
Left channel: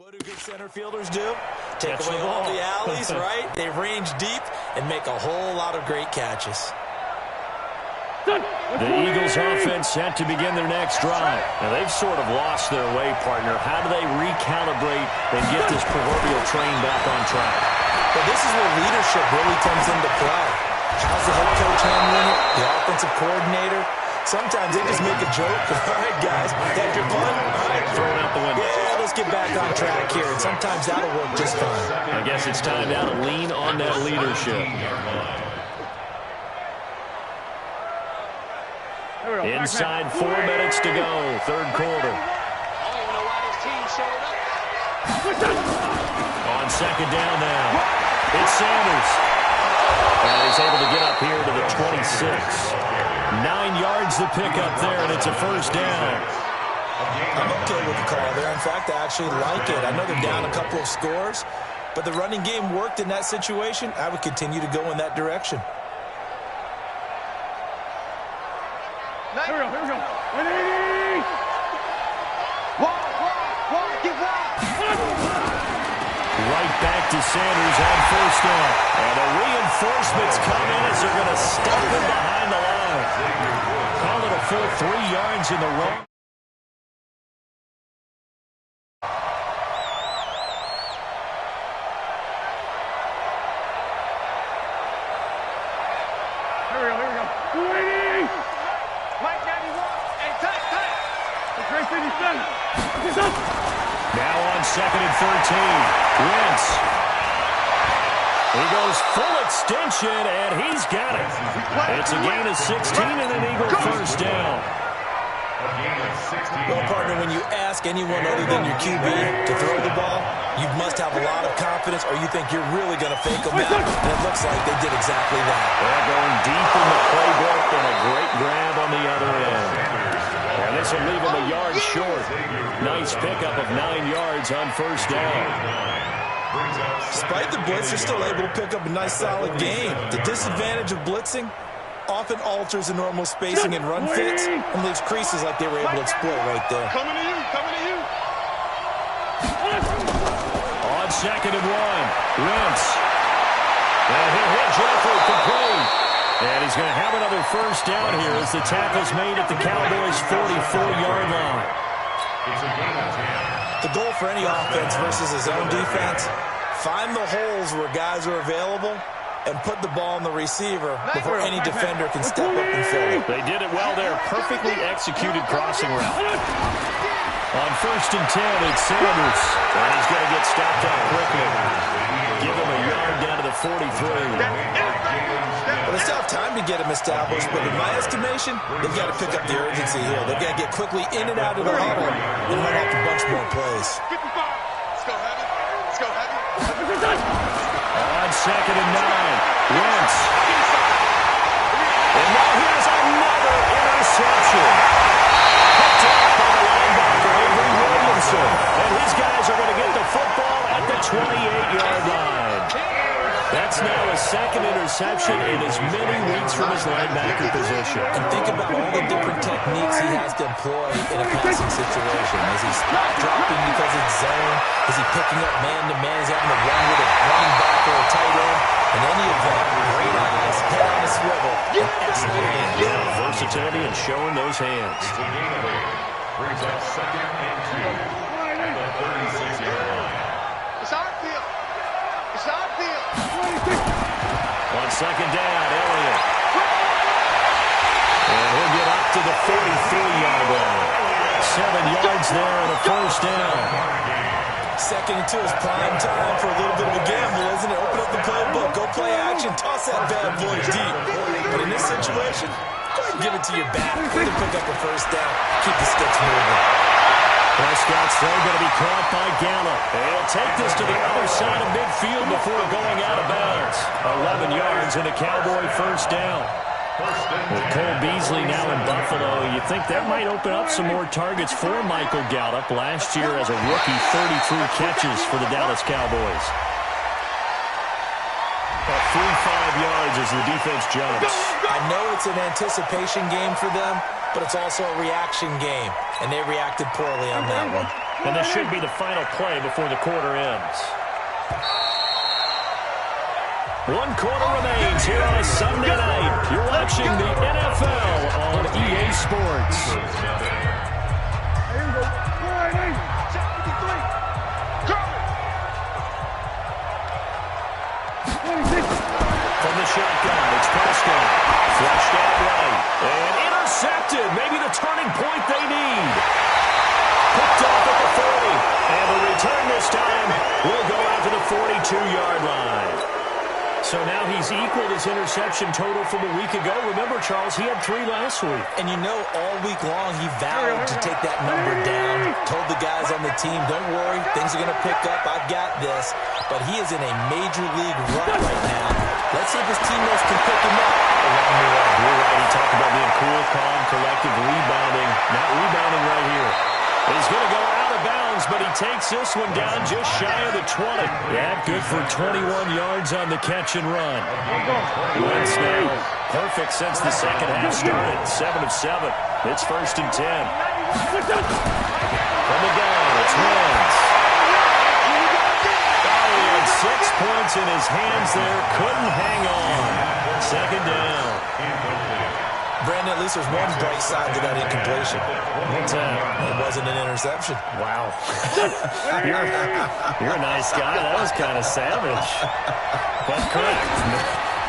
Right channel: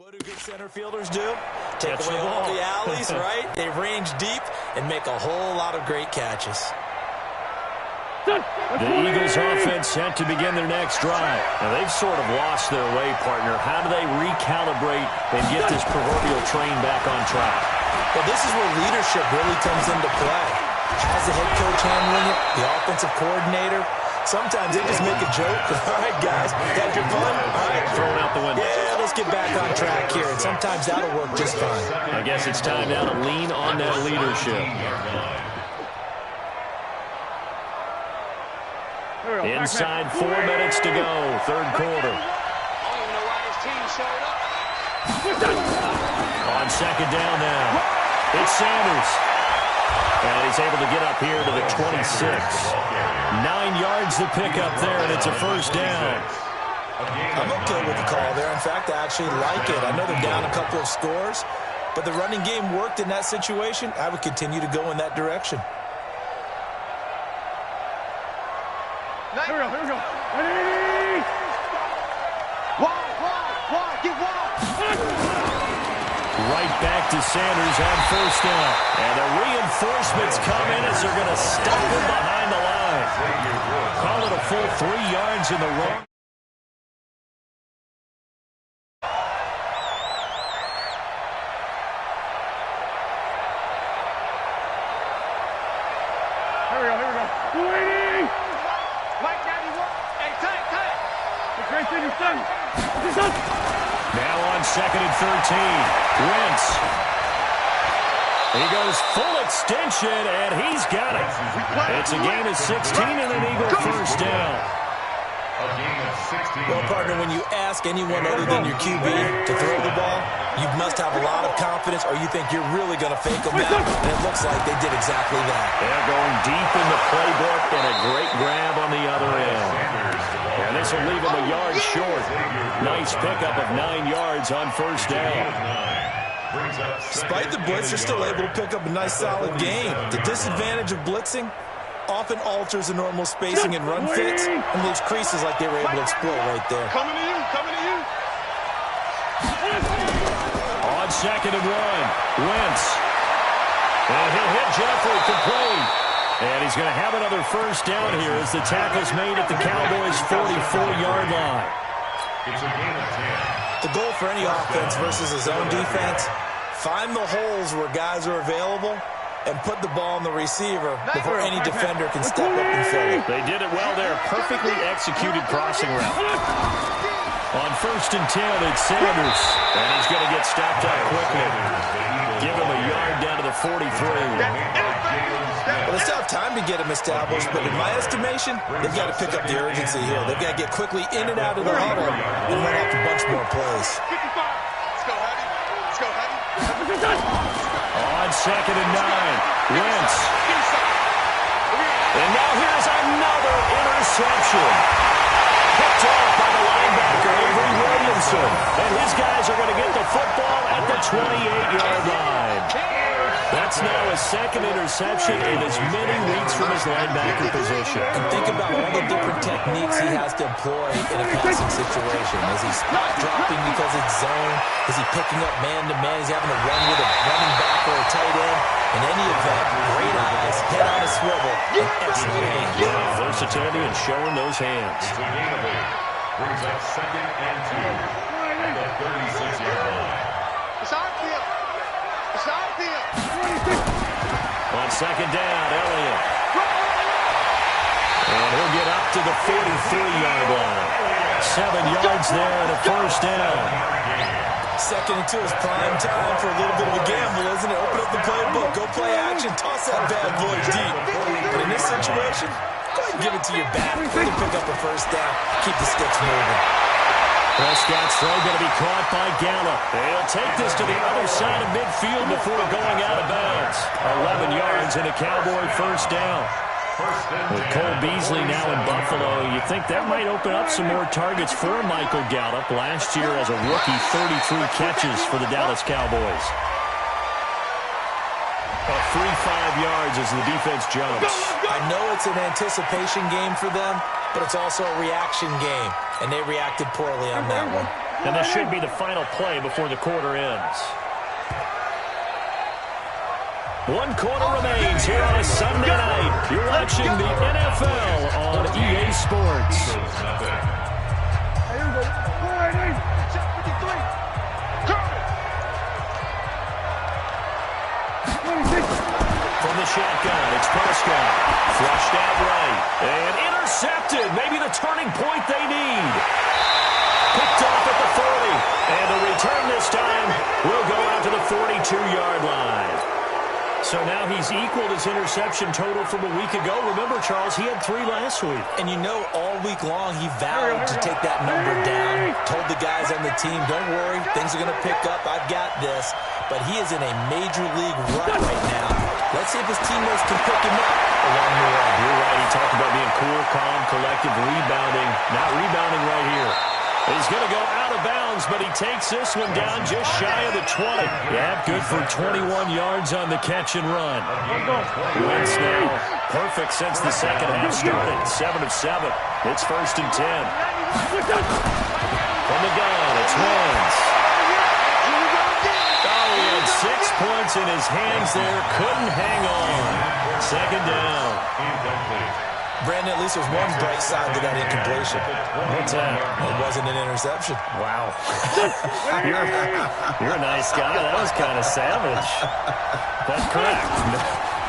What do good center fielders do? Take away all the alleys, right? They range deep and make a whole lot of great catches. The Eagles offense set to begin their next drive. Now, they've sort of lost their way, partner. How do they recalibrate and get this proverbial train back on track? Well, this is where leadership really comes into play. How's the head coach handling it? The offensive coordinator? Sometimes they just make a joke. All right, guys, had your fun? All right. Throw it out the window. Yeah, let's get back on track here. And sometimes that'll work just fine. I guess it's time now to lean on that leadership. Inside 4 minutes to go, third quarter. I don't even know why this team showed up. On second down now, it's Sanders. And he's able to get up here to the 26. 9 yards to pick up there, and it's a first down. I'm okay with the call there. In fact, I actually like it. I know they're down a couple of scores, but the running game worked in that situation. I would continue to go in that direction. Here we go. 180! Wide, get wide! Right back to Sanders on first down. And the reinforcements come in as they're going to stop him behind the line. Call it a full 3 yards in the run. Here we go. 280! Mike 91. Hey, tight. The Great City's done. Now on second and 13. Wentz. He goes full extension, and he's got it. It's a gain of 16 and an Eagle first down. A gain of 16. Well, partner, when you ask anyone other than your QB to throw the ball, you must have a lot of confidence, or you think you're really going to fake them out. And it looks like they did exactly that. They're going deep in the playbook, and a great grab on the other end. And this will leave him a yard short. Nice pickup of 9 yards on first down. Despite the blitz, they're still able to pick up a nice solid gain. The disadvantage of blitzing often alters the normal spacing and run fits and leaves creases like they were able to exploit right there. Coming to you. On second and 1, Wentz. And he'll hit Jeffrey complete. And he's going to have another first down here as the tackle's made at the Cowboys' 44-yard line. It's a gain of 10. The goal for any offense versus a zone defense, find the holes where guys are available and put the ball on the receiver before any defender can step up and fill it. They did it well there. Perfectly executed crossing route. On first and 10, it's Sanders. And he's going to get stopped up quickly. Give him a yard down to the 43. Well, they still have time to get him established, but in my estimation, they've got to pick up the urgency here. They've got to get quickly in and out of the huddle and run off a bunch more plays. 55. Let's go heavy. On second and 9, Wentz. And now here's another interception. Picked off by the linebacker, Avery Williamson. And his guys are going to get the football at the 28-yard line. That's now a second interception in as many weeks from his linebacker position. And think about all the different techniques he has to employ in a passing situation. Is he spot dropping because it's zone? Is he picking up man-to-man? Is he having to run with a running back or a tight end? In any event, great eyes, head on a swivel, and excellent hands. Yeah, versatility and showing those hands. It's a gain of 8. Brings up second and 2 at the 36-yard line. It's our field. On second down, Elliott. And he'll get up to the 43-yard line. 7 yards there and a first down. Second and 2 is prime time for a little bit of a gamble, isn't it? Open up the playbook, go play action, toss that bad boy deep. But in this situation, go ahead and give it to your back. They can pick up a first down, keep the sticks moving. Prescott's throw going to be caught by Gallup. He'll take this to the other side of midfield before going out of bounds. 11 yards and a Cowboy first down. With Cole Beasley now in Buffalo, you think that might open up some more targets for Michael Gallup. Last year as a rookie, 33 catches for the Dallas Cowboys. A free 5 yards as the defense jumps. I know it's an anticipation game for them, but it's also a reaction game, and they reacted poorly on that one. And this should be the final play before the quarter ends. 1 quarter remains here on a Sunday night. You're watching the NFL on EA Sports. Here we go. Check 53. Coming. 26. From the shotgun, it's Prescott. Flushed out right. And intercepted. Maybe the turning point they need. Picked off at the 40. And the return this time will go out to the 42-yard line. So now he's equaled his interception total from a week ago. Remember, Charles, he had 3 last week. And you know, all week long, he vowed to take that number down. Told the guys on the team, don't worry, things are going to pick up. I've got this. But he is in a major league rut right now. Let's see if his teammates can pick him up along the way. You're right. He talked about being cool, calm, collective, rebounding. Not rebounding right here. He's going to go out of bounds, but he takes this one down just shy of the 20. Yeah, good for 21 yards on the catch and run. Wentz now perfect since the second half started. 7 of 7. It's 1st and 10. From the gun, it's Wentz. Oh, he had 6 points in his hands there. Couldn't hang on. 2nd down. Brandon, at least there's one bright side to that incompletion. What's that? It wasn't an interception. Wow. you're a nice guy. That was kind of savage. But correct.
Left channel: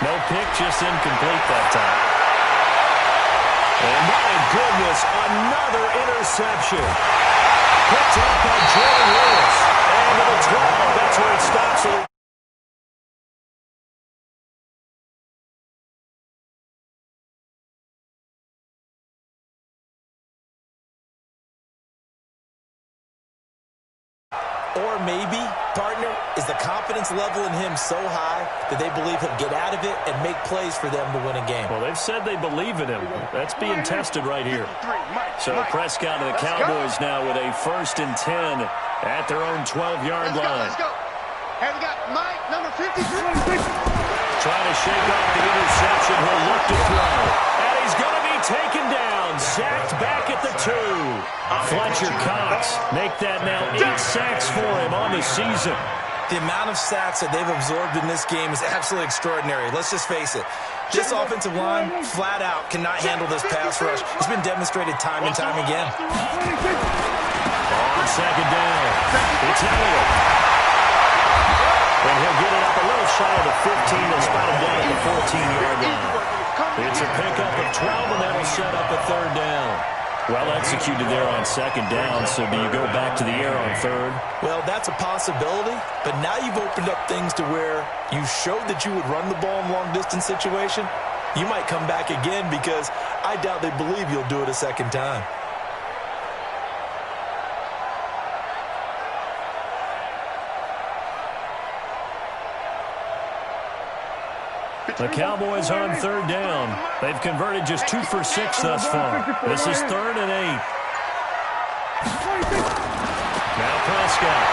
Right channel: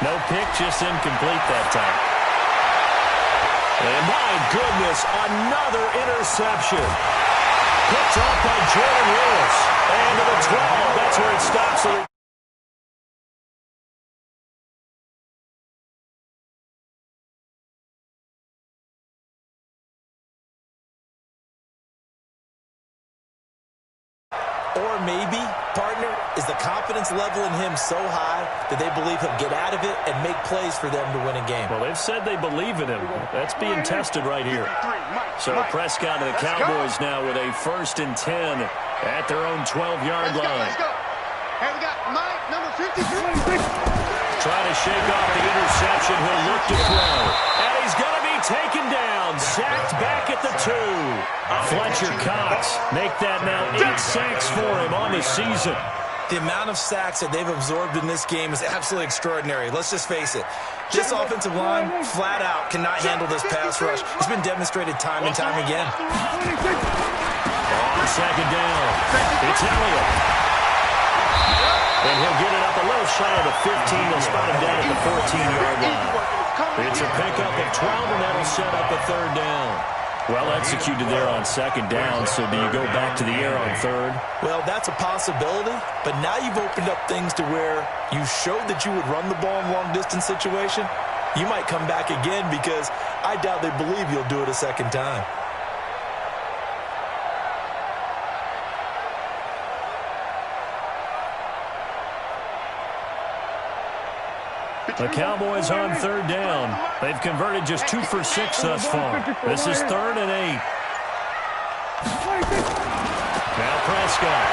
No pick, just incomplete that time. And my goodness, another interception. Picked up by Jordan Lewis. And to the 12. That's where it stops. Or maybe, partner, is the confidence level in him so high that they believe he'll get out of it and make plays for them to win a game. Well, they've said they believe in him. That's being tested right here. So Prescott to the Cowboys now with a 1st and 10 at their own 12-yard line. Let's go. Hey, we got Mike, number 53. Trying to shake off the interception. He'll look to throw. And he's going to be taken down. Sacked back at the 2. Fletcher Cox make that now 8 sacks for him on the season. The amount of sacks that they've absorbed in this game is absolutely extraordinary. Let's just face it. This offensive line, flat out, cannot handle this pass rush. It's been demonstrated time and time again. On 2nd down, it's Elliott. And he'll get it up a little shy of the 15. They'll spot him down at the 14-yard line. It's a pickup of 12, and that'll set up a 3rd down. Well executed there on 2nd down, so do you go back to the air on 3rd? Well, that's a possibility, but now you've opened up things to where you showed that you would run the ball in a long-distance situation. You might come back again because I doubt they believe you'll do it a 2nd time. The Cowboys on 3rd down. They've converted just 2 for 6 thus far. This is 3rd and 8. Now Prescott.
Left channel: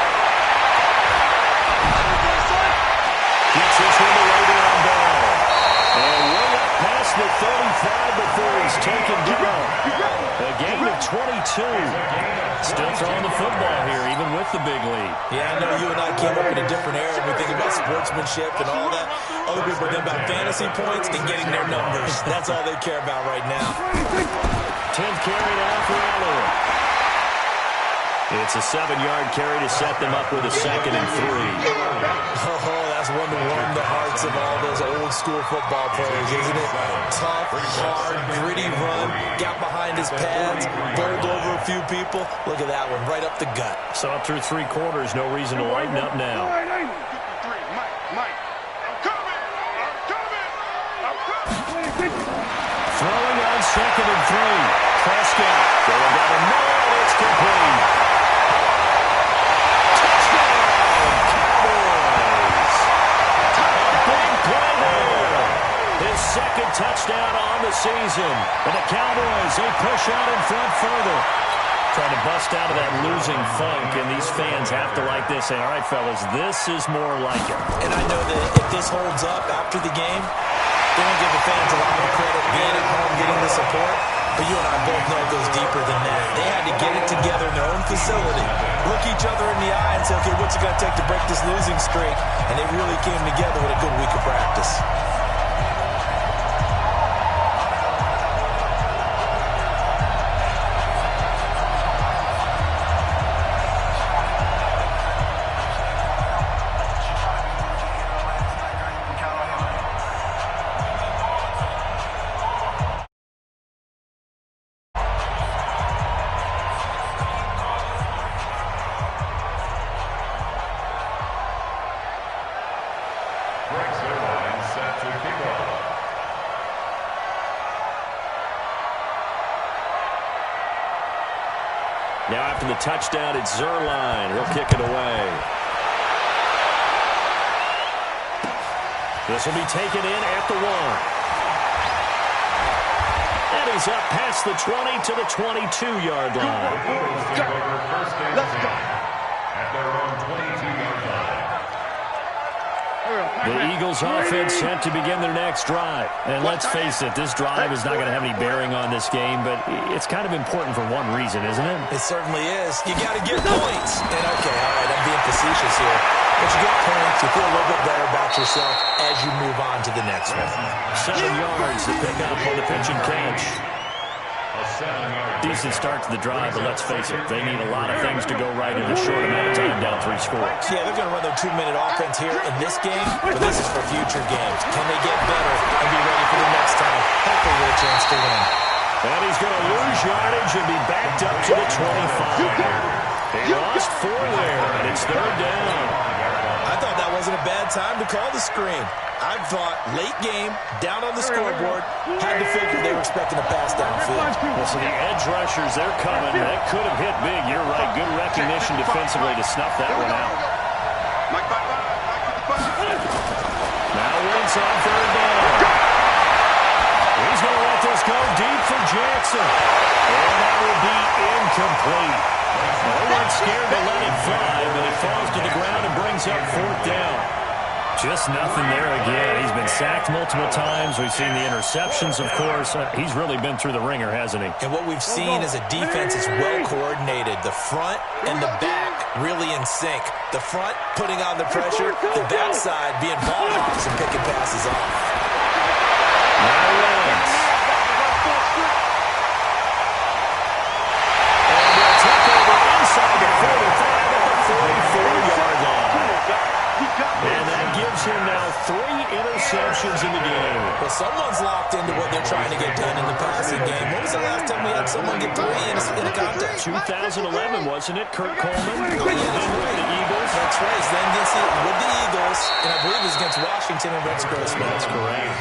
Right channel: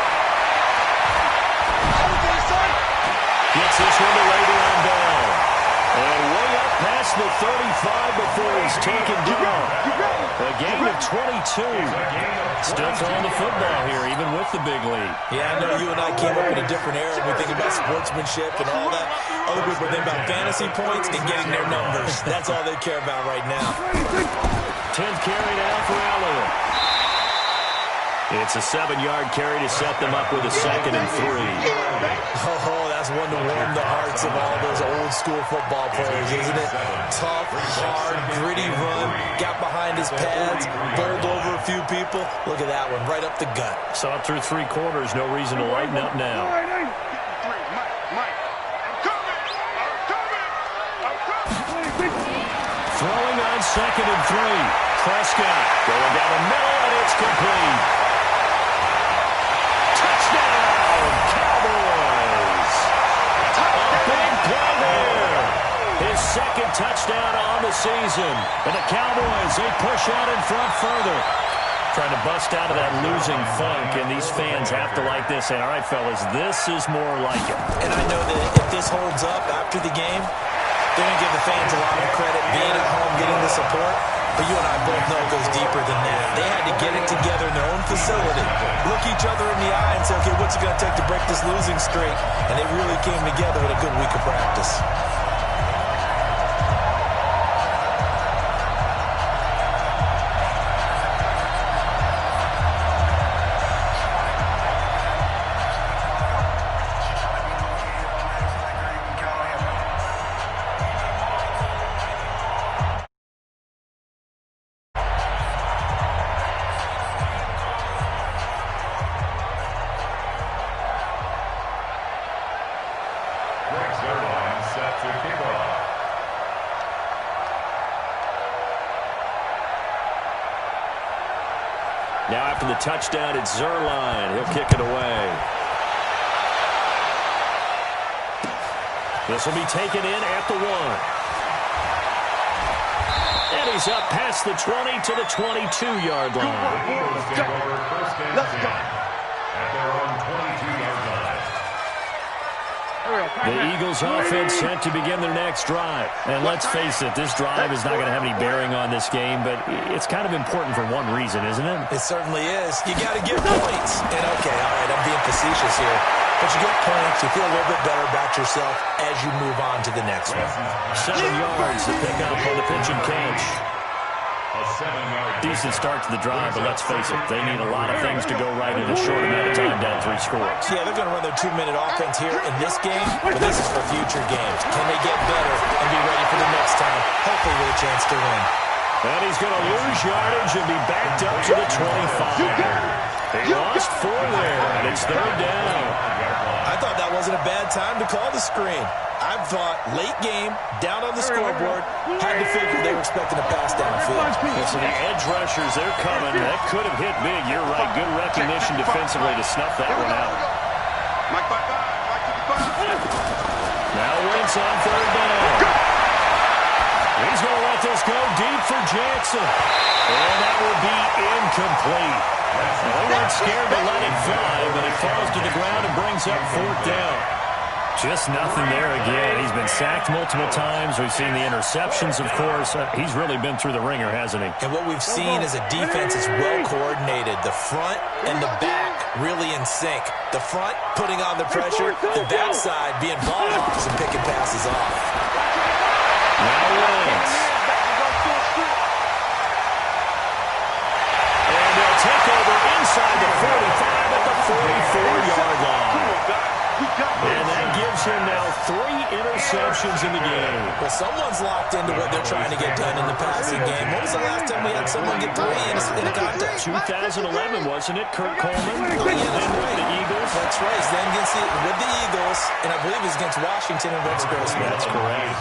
Gets this one to Le'Veon Bell. And way up past the 35 before he's taken down. A gain of 22. Still throwing the football here, even with the big lead. Yeah, I know you and I came up in a different era. We think about sportsmanship and all that. Other people think about fantasy points and getting their numbers. That's all they care about right now. 10th carry now for Elliott. It's a 7-yard carry to set them up with a 2nd and 3. Oh, that's one to warm the hearts of all those old-school football players, isn't it? Tough, hard, gritty run, got behind his pads, bowled over a few people. Look at that one, right up the gut. So up through 3 quarters, no reason to lighten up now. 53, Mike. I'm coming. Throwing on 2nd and 3. Prescott going down the middle, and it's complete. His 2nd touchdown on the season. And the Cowboys, they push out in front further. Trying to bust out of that losing funk, and these fans have to like this. Saying, all right, fellas, this is more like it. And I know that if this holds up after the game, they're going to give the fans a lot of credit being at home, getting the support. But you and I both know it goes deeper than that. They had to get it together in their own facility, look each other in the eye and say, okay, what's it going to take to break this losing streak? And they really came together with a good week of practice. Set to kick off. Now after the touchdown, it's Zerline. He'll kick it away. This will be taken in at the 1. And he's up past the 20 to the 22-yard line. Let's go. At their own 22-yard line. The Eagles offense sent to begin their next drive. And let's face it, this drive is not going to have any bearing on this game, but it's kind of important for one reason, isn't it? It certainly is. You got to get points. And okay, all right, I'm being facetious here. But you get points, you feel a little bit better about yourself as you move on to the next one. 7 yards to pick up on the pitch and catch. A 7-yard. Decent start to the drive, but let's face it, they need a lot of things to go right in a short amount of time down 3 scores. Yeah, they're going to run their 2-minute offense here in this game, but this is for future games. Can they get better and be ready for the next time? Hopefully with a chance to win. And he's going to lose yardage and be backed up to the 25. He lost 4 there, and it's 3rd down. I thought that wasn't a bad time to call the screen. I thought late game, down on the scoreboard, had to figure they were expecting a pass downfield. Well, so the edge rushers, they're coming. That could have hit big. You're right. Good recognition defensively to snuff that one out. Mike 55, Mike 55. Now Wentz on 3rd down. He's going to let this go deep for Jackson. And that will be incomplete. Well, they weren't scared to let it fly, but it falls to the ground and brings up 4th down. Just nothing there again. He's been sacked multiple times. We've seen the interceptions, of course. He's really been through the ringer, hasn't he? And what we've seen is a defense that's well coordinated. The front and the back really in sync. The front putting on the pressure, the backside being ball hawks and picking passes off. Now Wentz. And they'll take over inside the 45 at the 44-yard line. And that gives him now 3 interceptions in the game. Well, someone's locked into what they're trying to get done in the passing game. When was the last time we had someone get 3 in a contest? 2011, wasn't it? Kurt Coleman. Oh, yeah, that's with right. the Eagles. That's right. Then with the Eagles, and I believe it was against Washington and Rex Grossman. That's correct.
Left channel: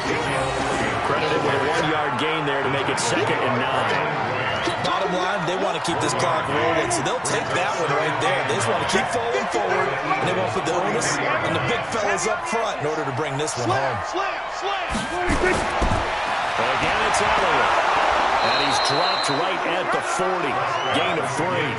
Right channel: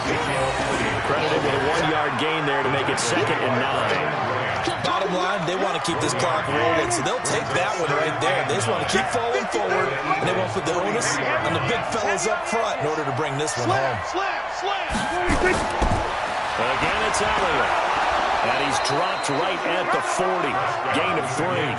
Credited with a 1-yard gain there to make it 2nd and 9. Bottom line, they want to keep this clock rolling, so they'll take that one right there. They just want to keep falling forward, and they won't put the onus on the big fellas up front in order to bring this one home. Again, it's Elliott. And he's dropped right at the 40. Gain of 3.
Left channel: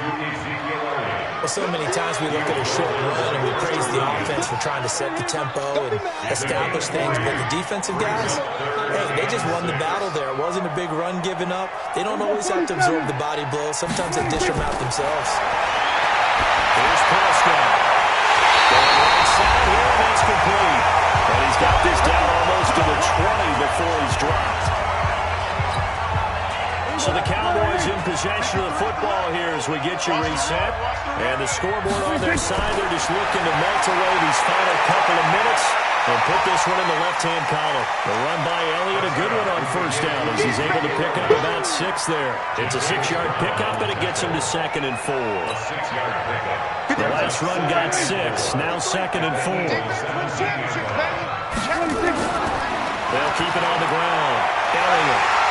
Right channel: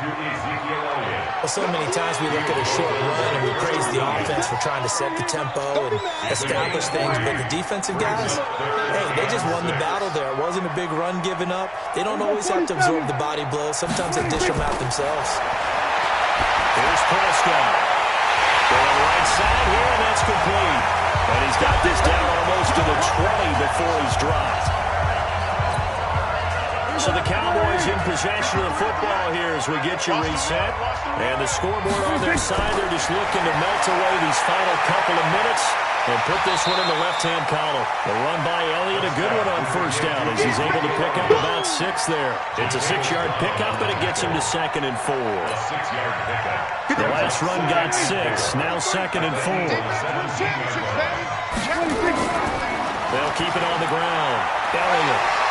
Well, so many times we look at a short run and we praise the offense for trying to set the tempo and establish things, but the defensive guys, hey, they just won the battle there. It wasn't a big run given up. They don't always have to absorb the body blows. Sometimes they dish them out themselves. Here's Prescott. Going right side here, and that's complete. And he's got this down almost to the 20 before he's dropped. So the Cowboys in possession of the football here as we get you reset. And the scoreboard on their side, they're just looking to melt away these final couple of minutes and put this one in the left-hand column. The run by Elliott, a good one on 1st down as he's able to pick up about 6 there. It's a 6-yard pickup, and it gets him to 2nd and 4. A 6-yard pickup. The last run got 6, now 2nd and 4. They'll keep it on the ground. Elliott.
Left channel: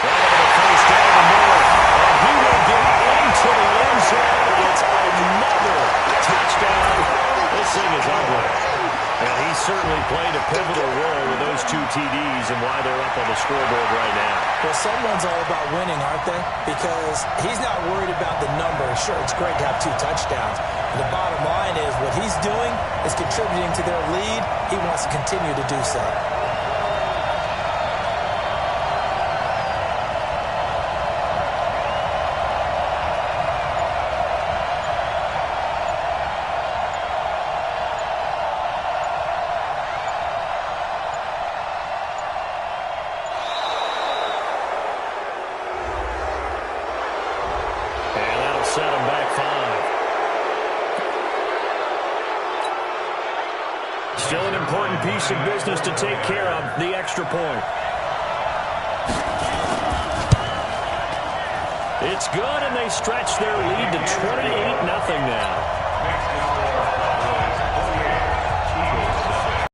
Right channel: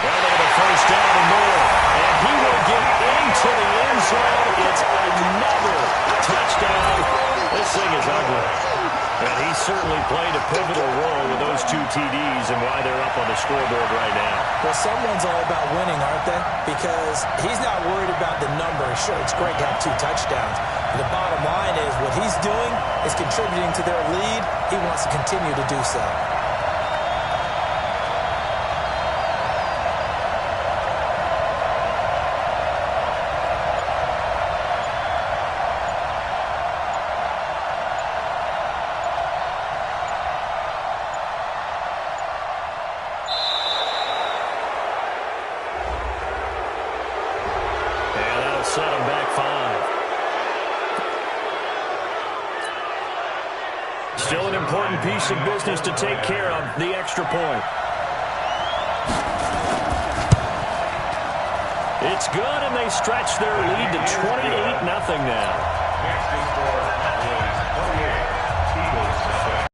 Well, they have a 1st down and more. And he will get into the end zone. It's another touchdown. This thing is ugly. And he certainly played a pivotal role with those 2 TDs and why they're up on the scoreboard right now. Well, someone's all about winning, aren't they? Because he's not worried about the number. Sure, it's great to have 2 touchdowns. But the bottom line is what he's doing is contributing to their lead. He wants to continue to do so. set them back 5. Still an important piece of business to take care of, the extra point. It's good, and they stretch their lead to 28-0 now. Next to score, Cowboys 28, Eagles nothing.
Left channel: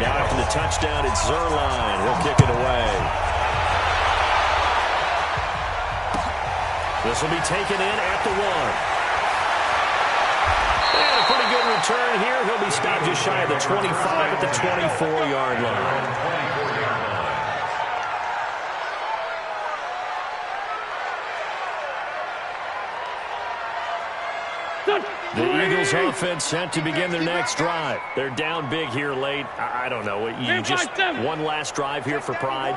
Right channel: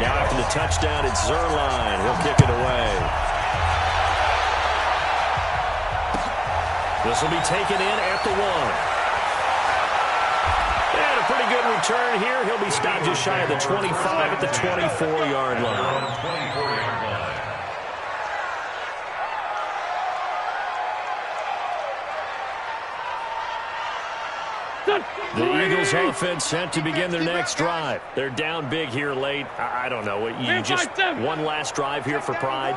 Now after the touchdown, it's Zerline. He'll kick it away. This will be taken in at the 1. And a pretty good return here. He'll be stopped just shy of the 25 at the 24-yard line. 24-yard line. The Eagles offense set to begin their next drive. They're down big here late. I don't know. You just one last drive here for pride?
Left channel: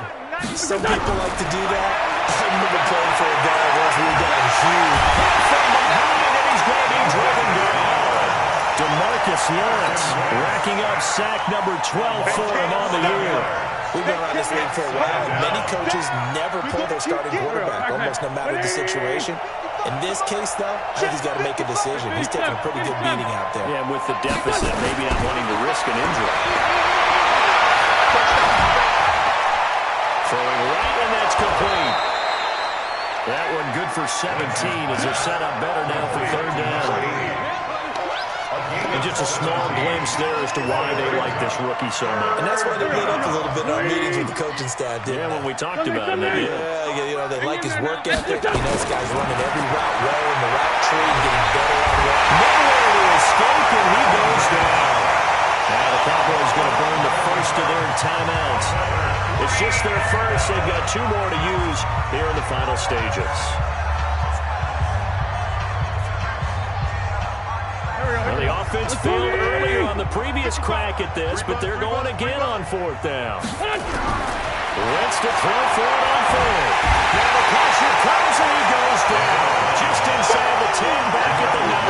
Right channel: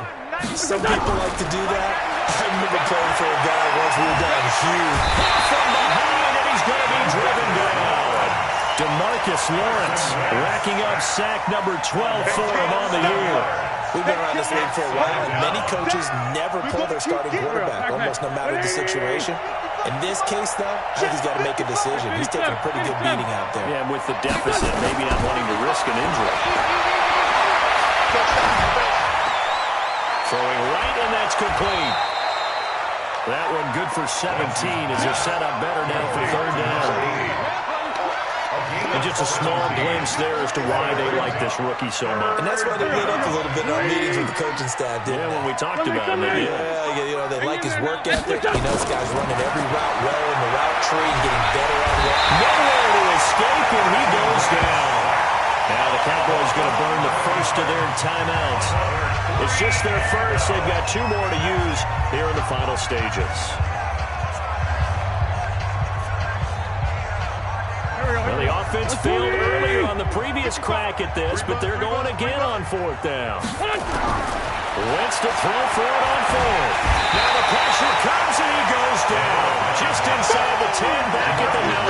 Some people like to do that. I remember playing for a guy once we were down huge. From behind, and he's going to be driven down. DeMarcus Lawrence racking up sack number 12 for him on the year. We've been around this league for a while, and many coaches never pull their starting quarterback, almost no matter the situation. In this case, though, I think he's got to make a decision. He's taking a pretty good beating out there. Yeah, and with the deficit, maybe not wanting to risk an injury. Throwing right, and that's complete. That one good for 17 as they're set up better now for third down. And just a small glimpse there as to why they like this rookie so much. And that's why they lit up a little bit in our meetings with the coaching staff, didn't they? When we talked about him, they did. Yeah, you know, they like his work ethic. You know, this guy's running every route well in the route tree and getting better at it. Nowhere to escape, and he goes down. Now the Cowboys going to burn the first of their timeouts. It's just their first. They've got 2 more to use here in the final stages. Well, the offense failed earlier on the previous crack at this, but they're going again on 4th down. Wentz to throw for it on 4th. Now the pressure comes, and he goes down. Just inside the 10, back at the 9.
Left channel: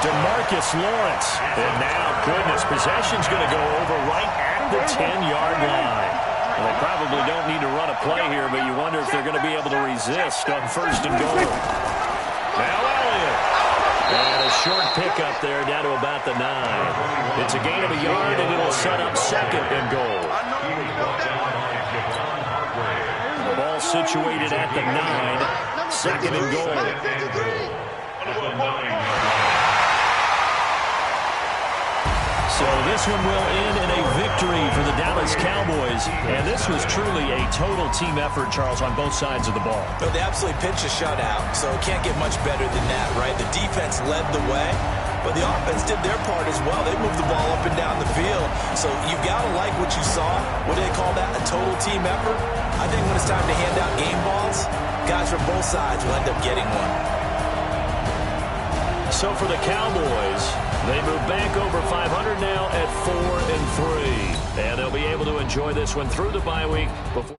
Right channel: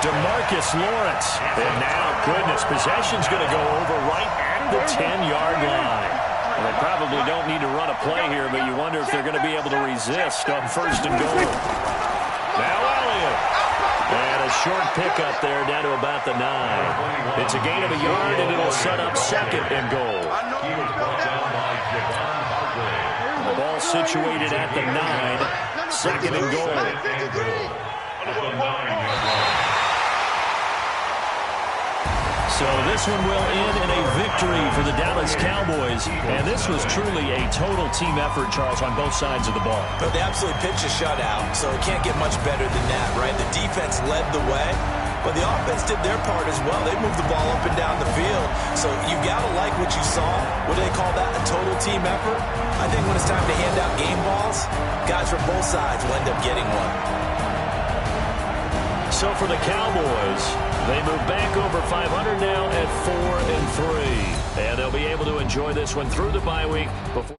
DeMarcus Lawrence. And now, goodness, possession's going to go over right at the 10-yard line. Well, they probably don't need to run a play here, but you wonder if they're going to be able to resist on 1st and goal. Now Elliott. And a short pickup there down to about the 9. It's a gain of a yard, and it'll set up 2nd and goal. The ball situated at the 9. 2nd and goal. So this one will end in a victory for the Dallas Cowboys. And this was truly a total team effort, Charles, on both sides of the ball. Well, they absolutely pitched a shutout, so it can't get much better than that, right? The defense led the way, but the offense did their part as well. They moved the ball up and down the field. So you've got to like what you saw. What do they call that? A total team effort? I think when it's time to hand out game balls, guys from both sides will end up getting one. So for the Cowboys, they move back over 500 now at 4-3. And they'll be able to enjoy this one through the bye week before